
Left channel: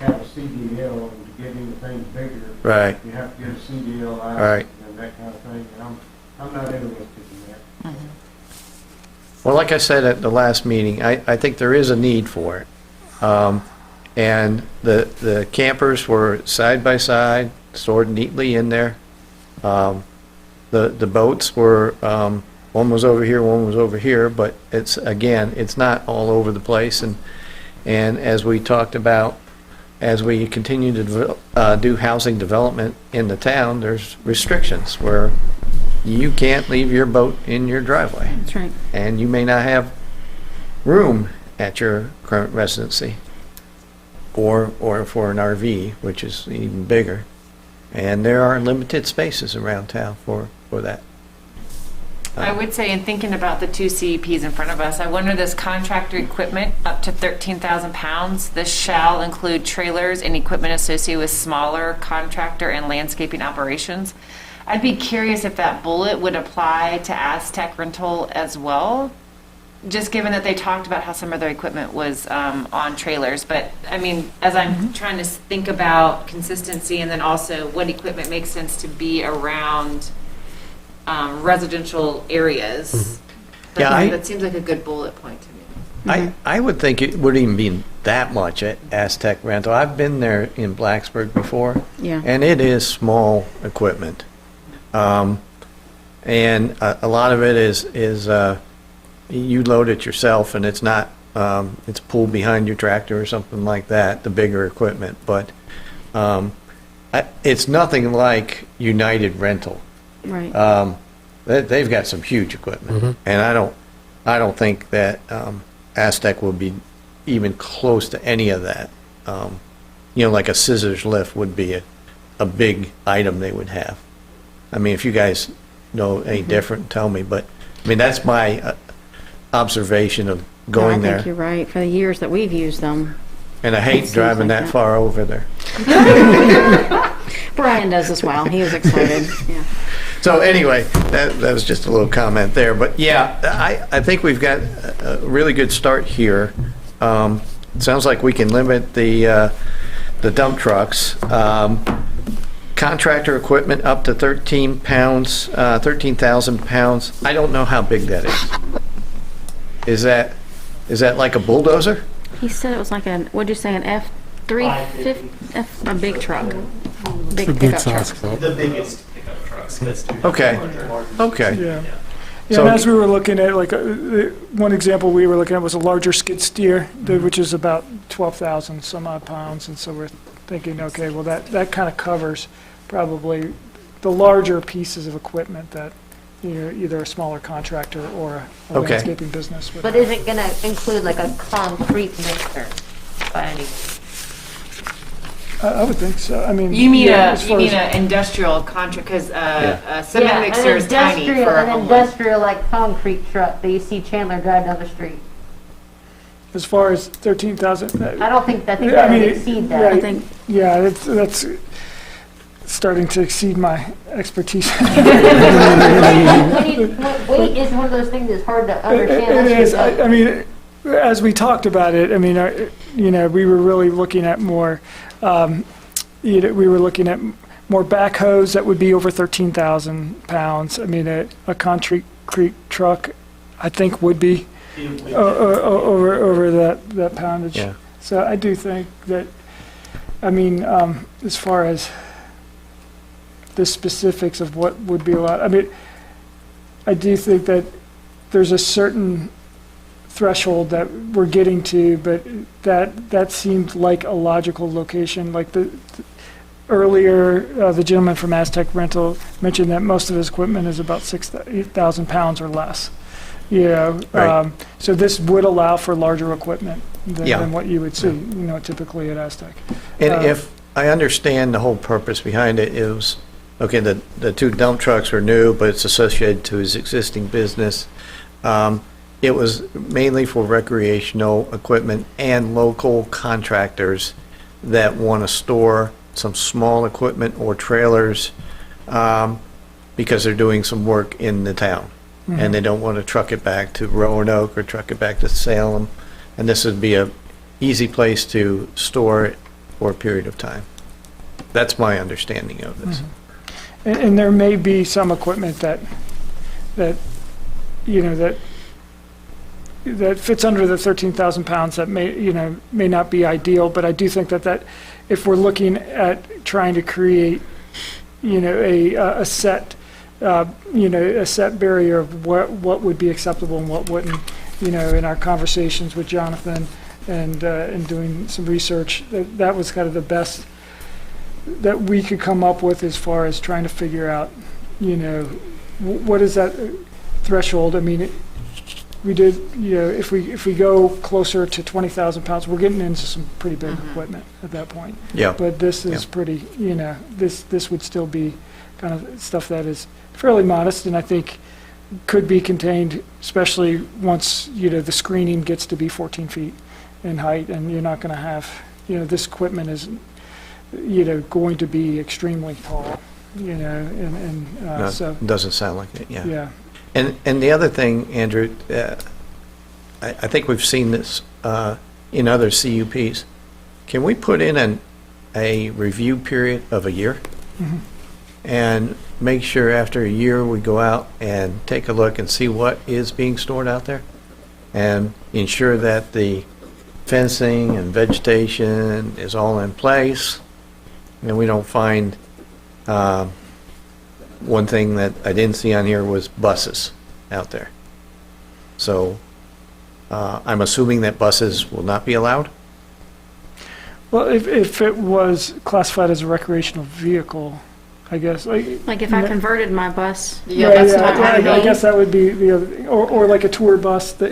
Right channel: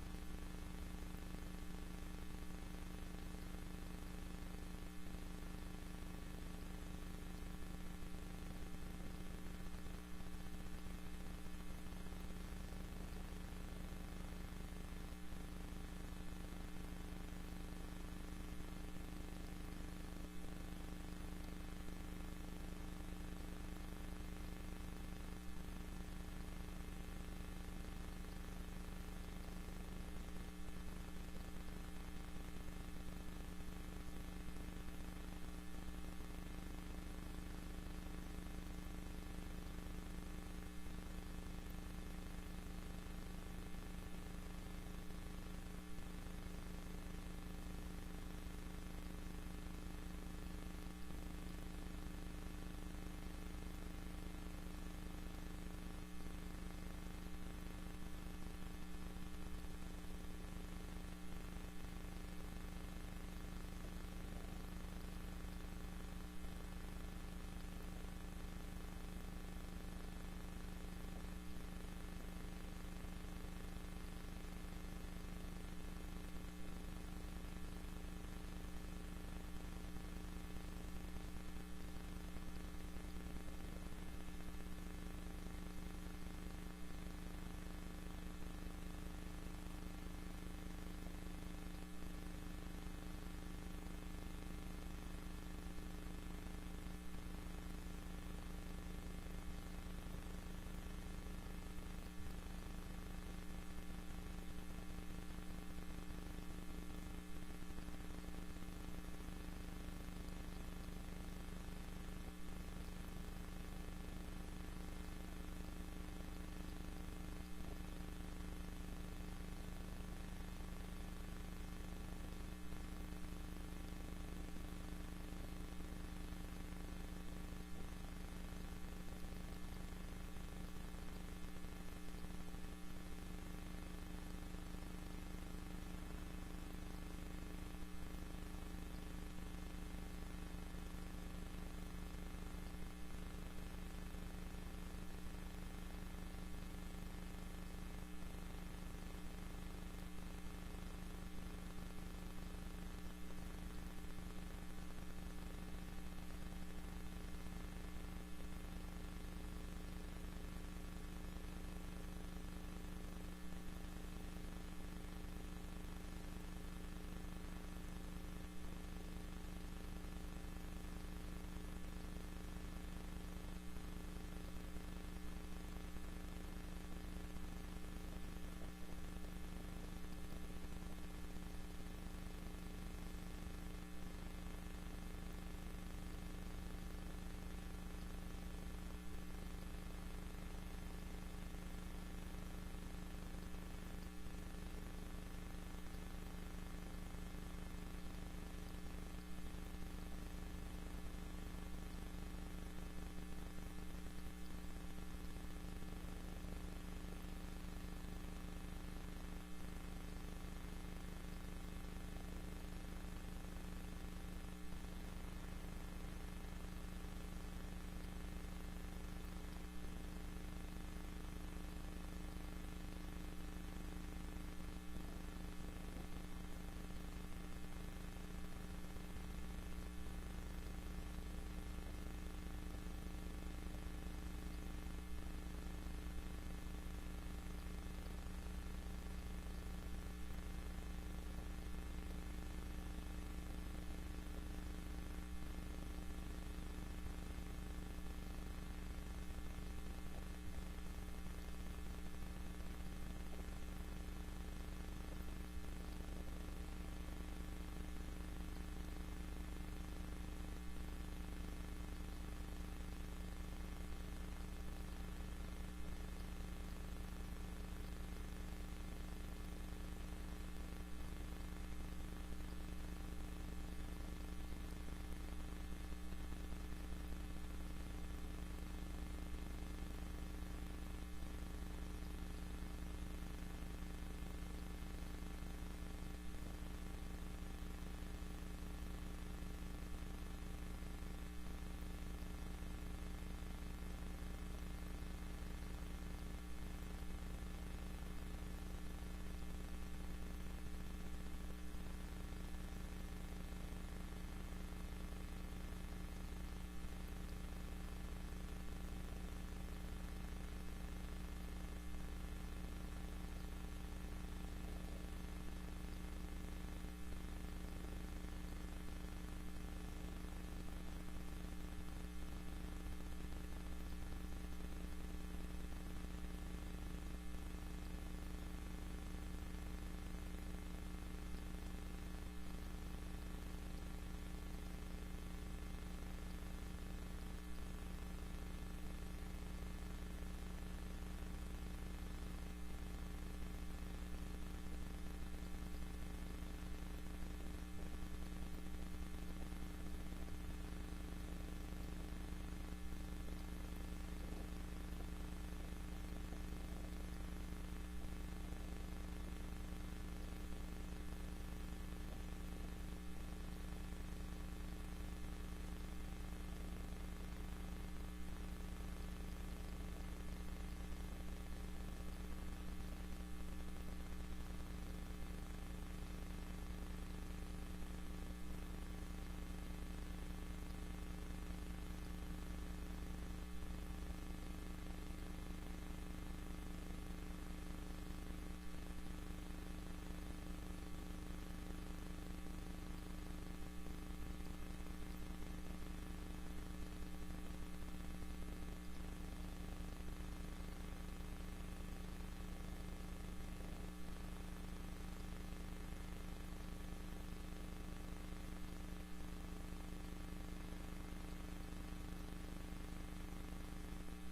have a CDL, and to get anything bigger. Right. You have to get a CDL license Right. and that kind of thing, and I'm not interested in that. Well, like I said at the last meeting, I think there is a need for it. And the campers were side by side, stored neatly in there. The boats were, one was over here, one was over here, but it's not all over the place. And as we talked about, as we continue to do housing development in the town, there's restrictions where you can't leave your boat in your driveway. That's right. And you may not have room at your current residency or for an RV, which is even bigger. And there are limited spaces around town for that. I would say, in thinking about the two CEPs in front of us, I wonder, this contractor equipment up to 13,000 pounds, this shall include trailers and equipment associated with smaller contractor and landscaping operations. I'd be curious if that bullet would apply to Aztec rental as well, just given that they talked about how some of their equipment was on trailers. But I mean, as I'm trying to think about consistency and then also what equipment makes sense to be around residential areas, that seems like a good bullet point to me. I would think it wouldn't even be that much at Aztec rental. I've been there in Blacksburg before. Yeah. And it is small equipment. And a lot of it is you load it yourself, and it's not, it's pulled behind your tractor or something like that, the bigger equipment. But it's nothing like United Rental. Right. They've got some huge equipment, and I don't think that Aztec will be even close to any of that. Like a scissors lift would be a big item they would have. I mean, if you guys know any different, tell me, but, I mean, that's my observation of going I there. think you're right. For the years that we've used them. And I hate seems driving like that that. far over there. Brian does as well. He was excited. Yeah. So anyway, that was just a little comment there. But yeah, I think we've got a really good start here. It sounds like we can limit the dump trucks. Contractor equipment up to 13 pounds, 13,000 pounds. I don't know how big that is. Is that like a bulldozer? He said it was like what'd you say, an F-350, a big truck. Big It's a good pickup size truck. truck. The biggest pickup trucks. Okay. Okay. Yeah. So- And as we were looking at, like, one example we were looking at was a larger skid steer, which is about 12,000 some odd pounds. And so we're thinking, okay, well, that kind of covers probably the larger pieces of equipment that, either a smaller contractor or a Okay. landscaping business would. But is it gonna include like a concrete mixer by any? I would think so. I mean. You mean yeah, as far as- an industrial contract, because a cement Yeah, mixer is tiny for a an home. industrial like concrete truck that you see Chandler drive down the street. As far as 13,000. I don't think that, I mean, would exceed that. right. I think Yeah, that's starting to exceed my expertise. Weight is one of those things that's hard to understand. It is. unless I mean, as we talked about it, I mean, we were really looking at more, we were looking at more backhoes that would be over 13,000 pounds. I mean, a concrete truck, I think, would be over that poundage. Yeah. So I do think that, I mean, as far as the specifics of what would be allowed, I mean, I do think that there's a certain threshold that we're getting to, but that seemed like a logical location. Like earlier, the gentleman from Aztec Rental mentioned that most of his equipment is about 8,000 pounds or less. Right. So this would allow for larger equipment Yeah. than what you would see, typically at Aztec. And if I understand the whole purpose behind it is, okay, the two dump trucks are new, but it's associated to his existing business. It was mainly for recreational equipment and local contractors that want to store some small equipment or trailers because they're doing some work in the town. And they don't want to truck it back to Roanoke or truck it back to Salem. And this would be a easy place to store it for a period of time. That's my understanding of this. And there may be some equipment that fits under the 13,000 pounds that may not be ideal, but I do think that if we're looking at trying to create, a set barrier of what would be acceptable and what wouldn't, in our conversations with Jonathan and doing some research, that was kind of the best that we could come up with as far as trying to figure out, what is that threshold? I mean, we did, if we go closer to 20,000 pounds, we're getting into some pretty big equipment at that point. Yeah. But this is pretty, this would still be kind of stuff that is fairly modest, and I think could be contained, especially once, the screening gets to be 14 feet in height, and you're not going to have, this equipment is, going to be extremely tall, No, so, doesn't sound like it, yeah. yeah. And the other thing, Andrew, I think we've seen this in other CUPs. Can we put in a review period of a year? And make sure after a year we go out and take a look and see what is being stored out there? And ensure that the fencing and vegetation is all in place, and we don't find, one thing that I didn't see on here was buses out there. So I'm assuming that buses will not be allowed? Well, if it was classified as a recreational vehicle, I guess, Like if I converted my bus, Yeah, that's not I happening. guess that would be the other thing, or like a tour bus that,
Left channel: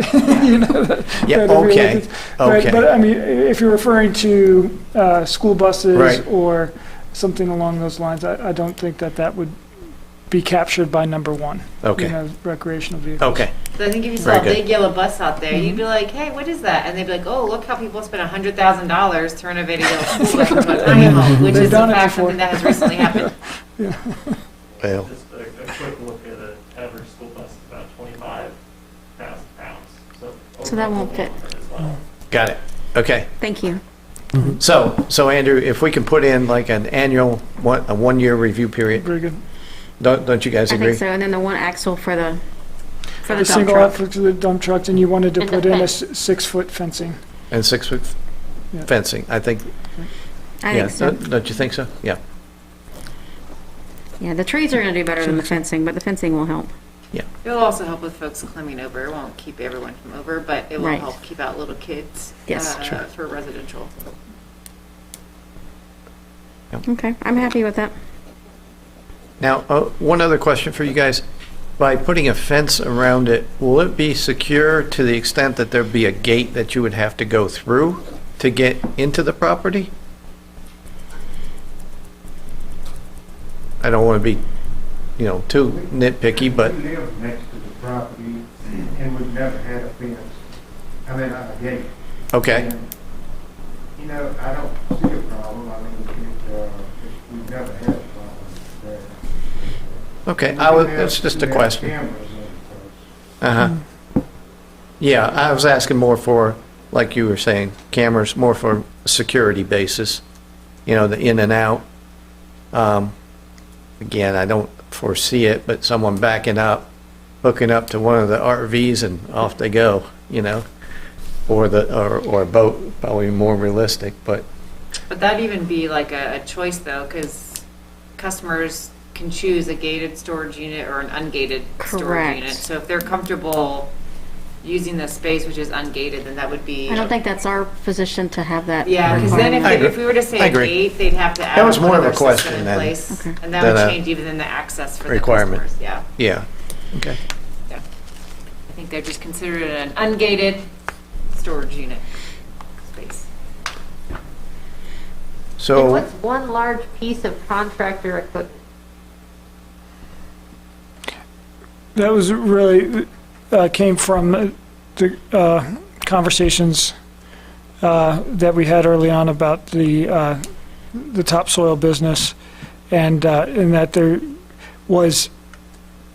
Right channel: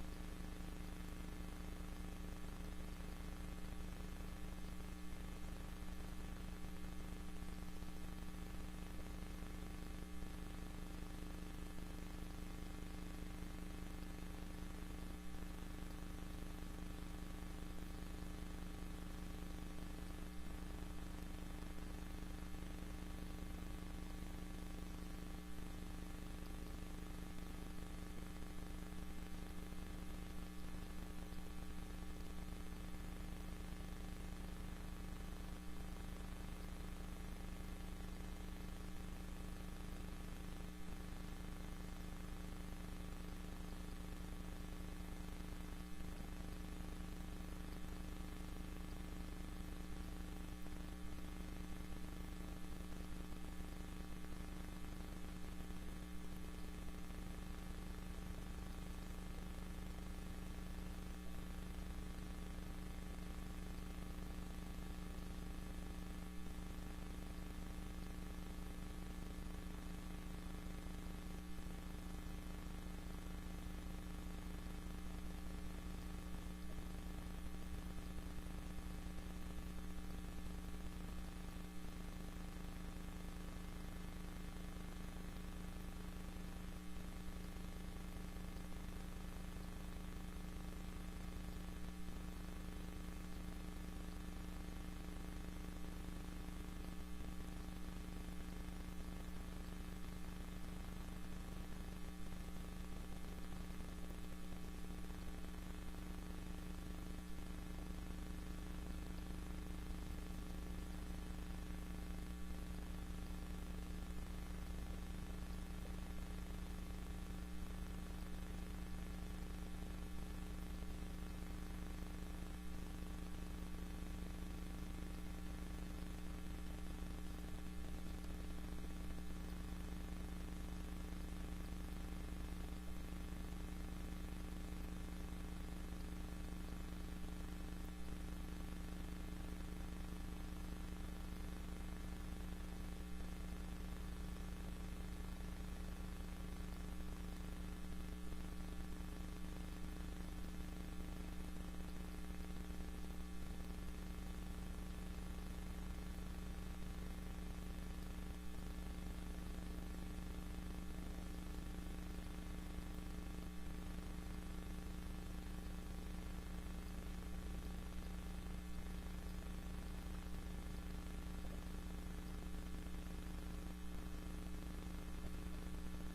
Yeah, that okay, really- but, okay. I mean, if you're referring to, school buses Right. or something along those lines, I don't think that would be captured by number one. Okay. Recreational vehicles. Okay, So I think if you Very saw a good. big yellow bus out there, Mm-hmm. you'd be like, hey, what is that? And they'd be like, oh, look how people spent $100,000 to renovate a yellow school bus into a tiny home, which They've is in done it fact before. something that has recently happened. well, Just a quick look at an average school bus is about 25,000 pounds. So that won't fit. As well. got it. Okay. thank you. So Andrew, if we can put in like an annual, a 1-year review period, Very good. don't you guys I agree? think so, and then the one axle for the The dump single truck. outfit to the dump trucks, and you wanted to And the put in a fence. 6-foot fencing. And 6-foot Yeah. fencing, I think, I yeah, think so. don't you think so? Yeah, Yeah, the trees are gonna do better than the fencing, but the fencing will help. It'll also help with folks climbing over. It won't keep everyone from over, but it will Right. help keep out little kids Yes. for residential. Okay, I'm happy with that. now, one other question for you guys. By putting a fence around it, will it be secure to the extent that there'd be a gate that you would have to go through to get into the property? I don't want to be, too nitpicky, but, We live next to the property, and we've never had a fence, a gate. okay, And, I don't see a problem, we've never had a problem there. okay, it's just a We have question. cameras in the Uh-huh. Yeah, I was asking more for, like you were saying, cameras, more for security basis, the in and out. Again, I don't foresee it, but someone backing up, hooking up to one of the RVs and off they go, or a boat, probably more realistic, but, But that'd even be like a choice though, because customers can choose a gated storage unit or an ungated storage Correct. unit. So if they're comfortable using the space which is ungated, then that would be. I don't think that's our position to have that. Yeah, because then I agree. if we were to say I a agree. gate, they'd have to add That was more of a another question system in than- place, Okay. and that than would a change even in the access for the requirement. customers. Yeah, yeah, okay. yeah. I think they're just considered an ungated storage unit space. And So, what's one large piece of contractor equipment? That was really, came from the conversations that we had early on about the topsoil business, and in that there was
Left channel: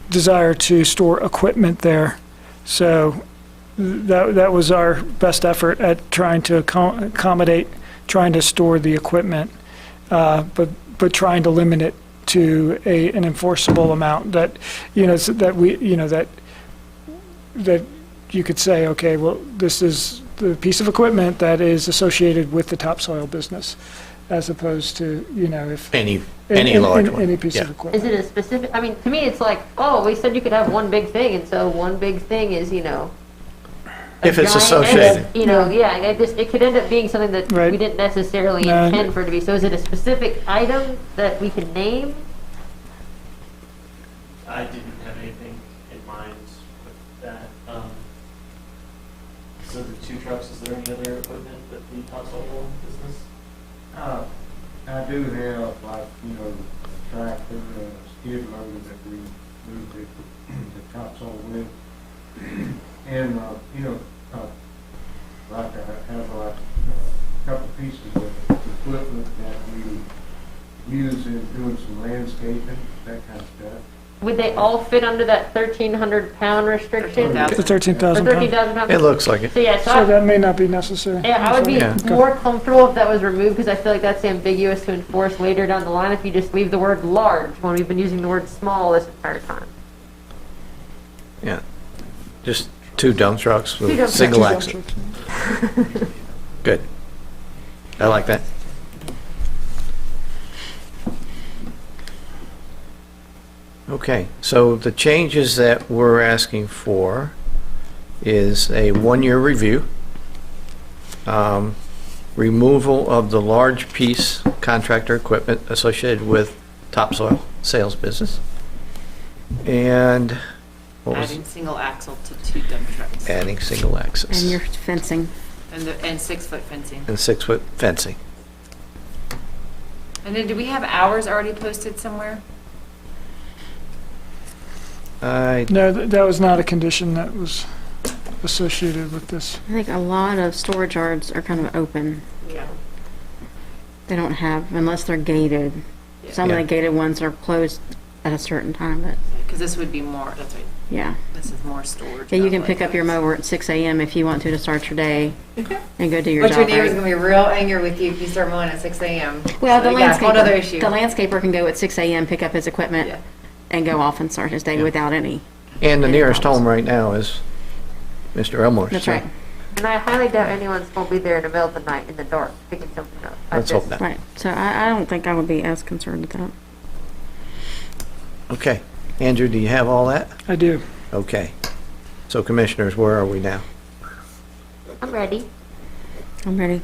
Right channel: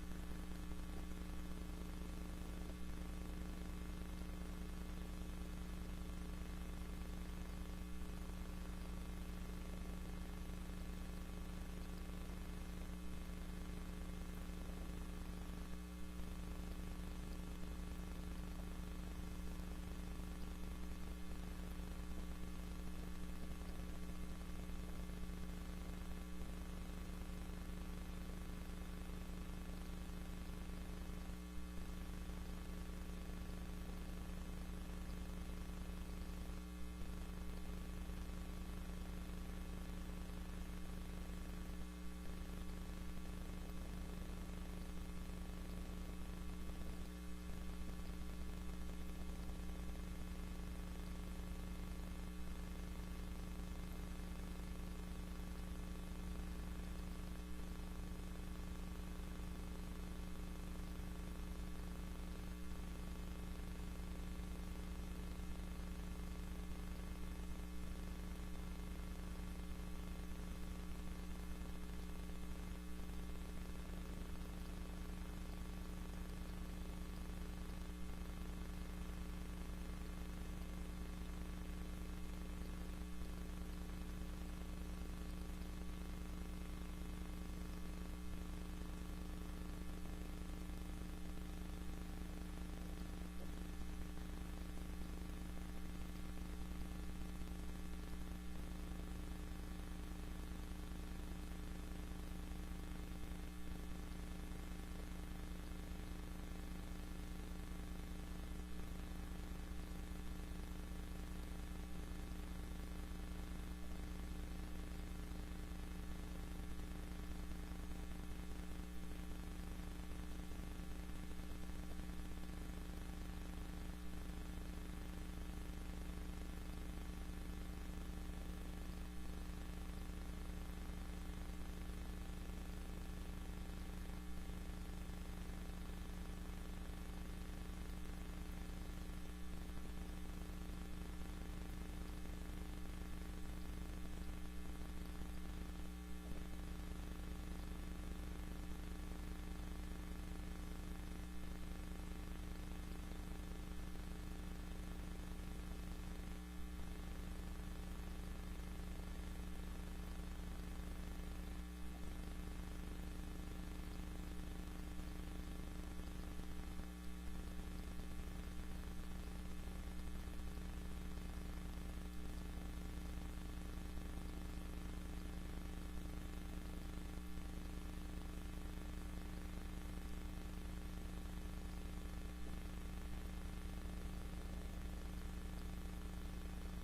desire to store equipment there. So that was our best effort at trying to accommodate, trying to store the equipment, but trying to limit it to an enforceable amount that, so that we, that you could say, okay, well, this is the piece of equipment that is associated with the topsoil business, as opposed to, if. any large one. Any piece Yeah. of equipment. Is it a specific, I mean, to me, it's like, oh, we said you could have one big thing, and so one big thing is, a If it's giant- associated. Yeah, it could end up being something that Right. we didn't necessarily No. intend for it to be. So is it a specific item that we can name? I didn't have anything in mind with that. So the 2 trucks, is there any other equipment that the topsoil business? I do have, a tractor, a skid loader that we move the topsoil with. And, I have a couple pieces of equipment that we use in doing some landscaping, that kind of stuff. Would they all fit under that 1,300-pound restriction? 13,000. The 13,000 Or pounds. 13,000 pounds? It looks like it. So, yeah, So that may not be necessary. yeah, I would be Yeah. more comfortable if that was removed, because I feel like that's ambiguous to enforce later down the line if you just leave the word large when we've been using the word small this entire time. Yeah, just 2 dump trucks Two with dump single Two axle. dump trucks. Good. I like that. Okay, so the changes that we're asking for is a 1-year review, removal of the large piece contractor equipment associated with topsoil sales business. And what was Adding single axle to 2 dump trucks. adding single axis And your fencing. And 6-foot fencing. and 6-foot fencing. And then do we have hours already posted somewhere? I No, that was not a condition that was associated with this. I think a lot of storage yards are kind of open. Yeah. They don't have, unless they're gated. Some of Yeah. the gated ones are closed at a certain time, but Because this would be more, that's right, yeah. this is more storage. Yeah, you not can like pick up your this. mower at 6 a.m. if you want to start your day and go do your But job. your neighbor's right? gonna be real angry with you if you start mowing at 6 a.m. Well, the So, yeah, whole other landscaper, issue. the landscaper can go at 6 a.m., pick up his equipment, Yeah. and go off and start his day without any. And the any nearest problems. home right now is Mr. Elmore's. That's so right. And I highly doubt anyone's going to be there in the middle of the night in the dark picking something up. Let's hope not. Right. So I don't think I would be as concerned with that. Okay. Andrew, do you have all that? I do. Okay. So commissioners, where are we now? I'm ready. I'm ready.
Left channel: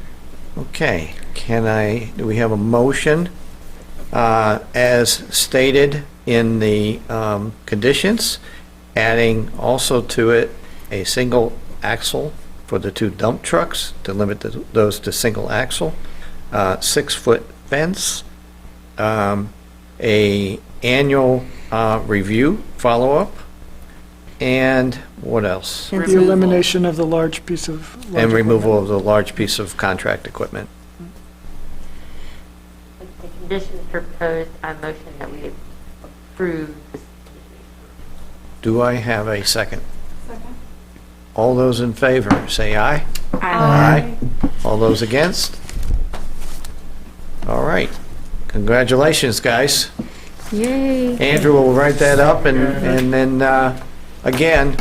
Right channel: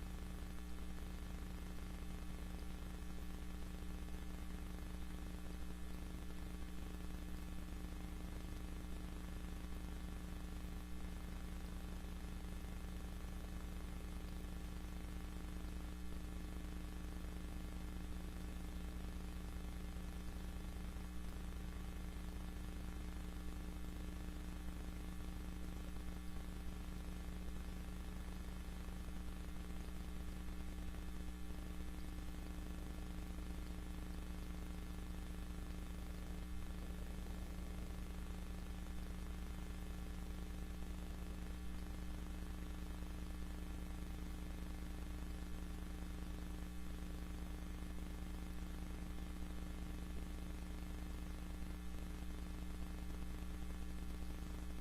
Okay. Do we have a motion as stated in the conditions, adding also to it a single axle for the 2 dump trucks to limit those to single axle, 6-foot fence, a annual review follow-up, and what else? The elimination of the large piece of. large And removal equipment. of the large piece of contract equipment. The conditions proposed, I motion that we approve this. Do I have a second? All those in favor, say aye. Aye. All those against? All right. Congratulations, guys. Yay. Andrew will write that up, and then, again,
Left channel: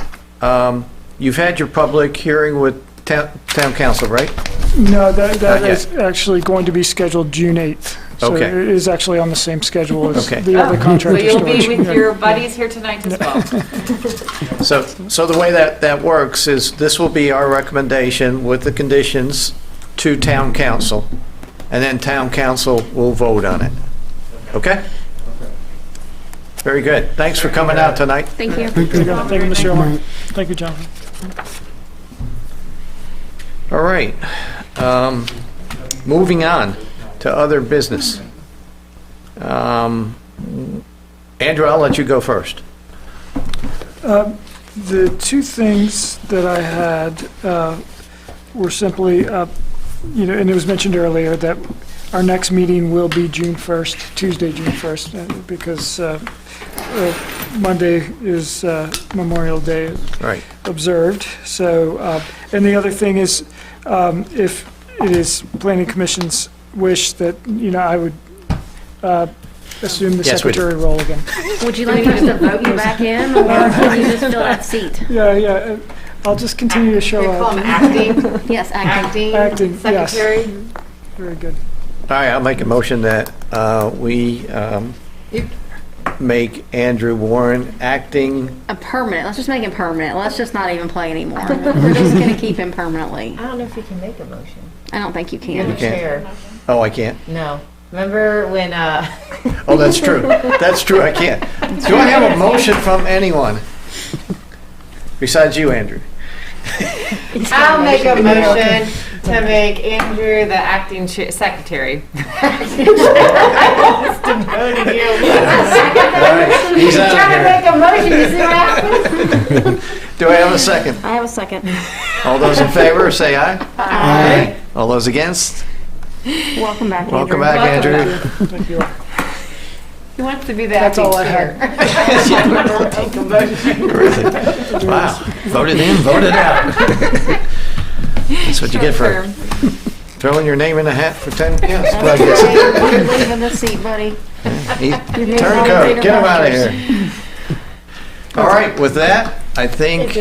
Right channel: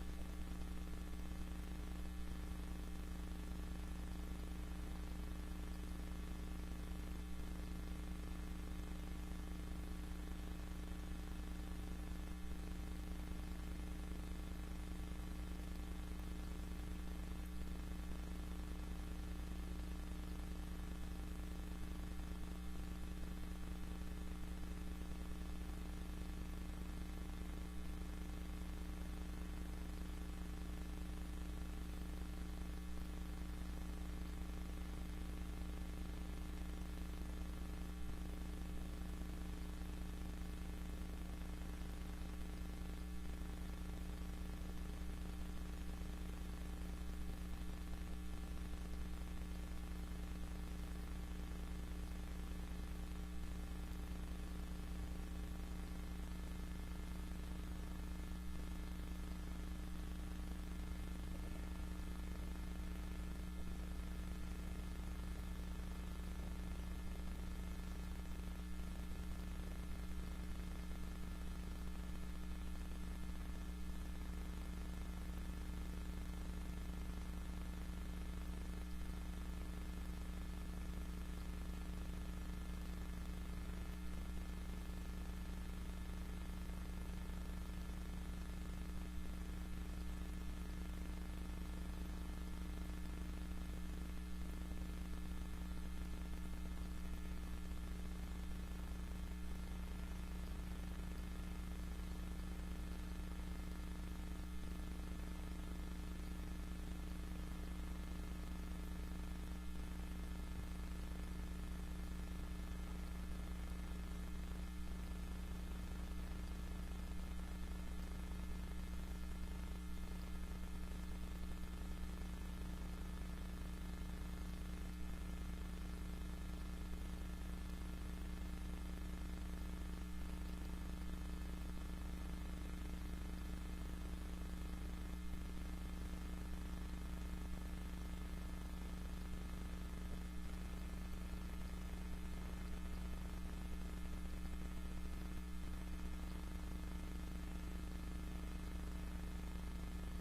you've had your public hearing with town council, right? No, that Not is actually going to be scheduled June 8th. So Okay. it is actually on the same schedule as Okay. the other So contractor you'll be storage. with Yeah. your buddies here tonight as well. So the way that works is this will be our recommendation with the conditions to town council, and then town council will vote on it. Okay? Very good. Thanks for coming out tonight. Thank you. Thank you, Mr. Elmer. Thank you, Jonathan. All right. Moving on to other business. Andrew, I'll let you go first. The 2 things that I had were simply, and it was mentioned earlier that our next meeting will be June 1st, Tuesday, June 1st, because Monday is Memorial Day Right. observed. So, and the other thing is, if it is Planning Commission's wish that, I would assume the Yes, we do. secretary role again. Would you like us to vote you back in, or can you just fill that seat? Yeah, I'll just continue to They show call up. them acting, Yes, acting. Acting, yes. secretary. Very good. All right, I'll make a motion that we make Andrew Warren acting. A permanent, let's just make him permanent. Let's just not even play anymore. We're just gonna keep him permanently. I don't know if you can make a motion. I don't think you You're the can. can't. chair. Oh, I can't? No. Remember when, Oh, that's true. That's true, I can't. Do I have a motion from anyone? Besides you, Andrew? I'll make a motion to make Andrew the acting secretary. He's out Trying to of make a motion, you see what happens? here. Do I have a second? I have a second. All those in favor, say aye. Aye. All those against? Welcome back, Andrew. Welcome back, Andrew. Thank you. He wants to be the That's acting all I chair. Make a motion. Really? Wow. Voted in, voted out. That's what you get for Term. throwing your name in a hat for 10 years. That's okay. You're leaving the seat, buddy. Turncoat, get him out of here. All right, with that, I think,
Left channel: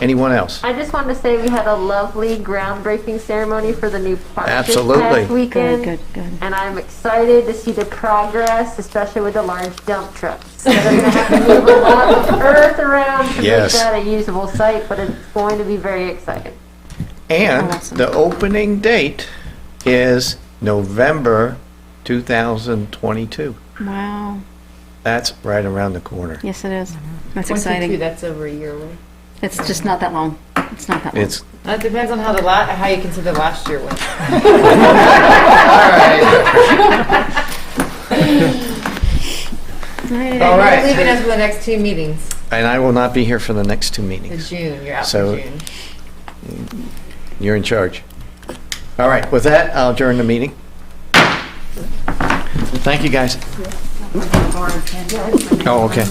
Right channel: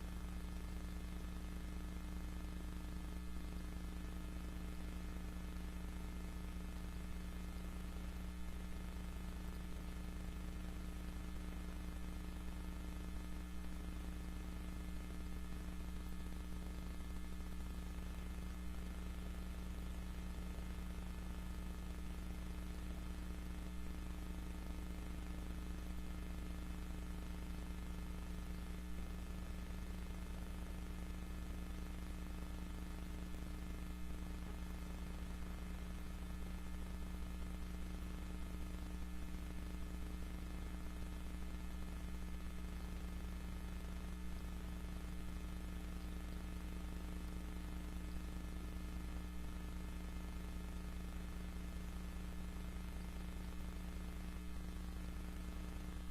anyone else? I just wanted to say we had a lovely groundbreaking ceremony for the new park Absolutely. this past weekend. Good, good. And I'm excited to see the progress, especially with the large dump trucks. So they're going to have to move a lot of earth around to Yes. make that a usable site, but it's going to be very exciting. And Awesome. the opening date is November 2022. Wow. That's right around the corner. Yes, it is. That's 22, exciting. that's over a year away. It's just not that long. It's not that long. It's, It depends on how how you consider last year went. All right. You're leaving us for the next 2 meetings. and I will not be here for the next 2 The meetings. June, you're out So- for June. You're in charge. All right, with that, I'll adjourn the meeting. Thank you, guys. Oh, okay.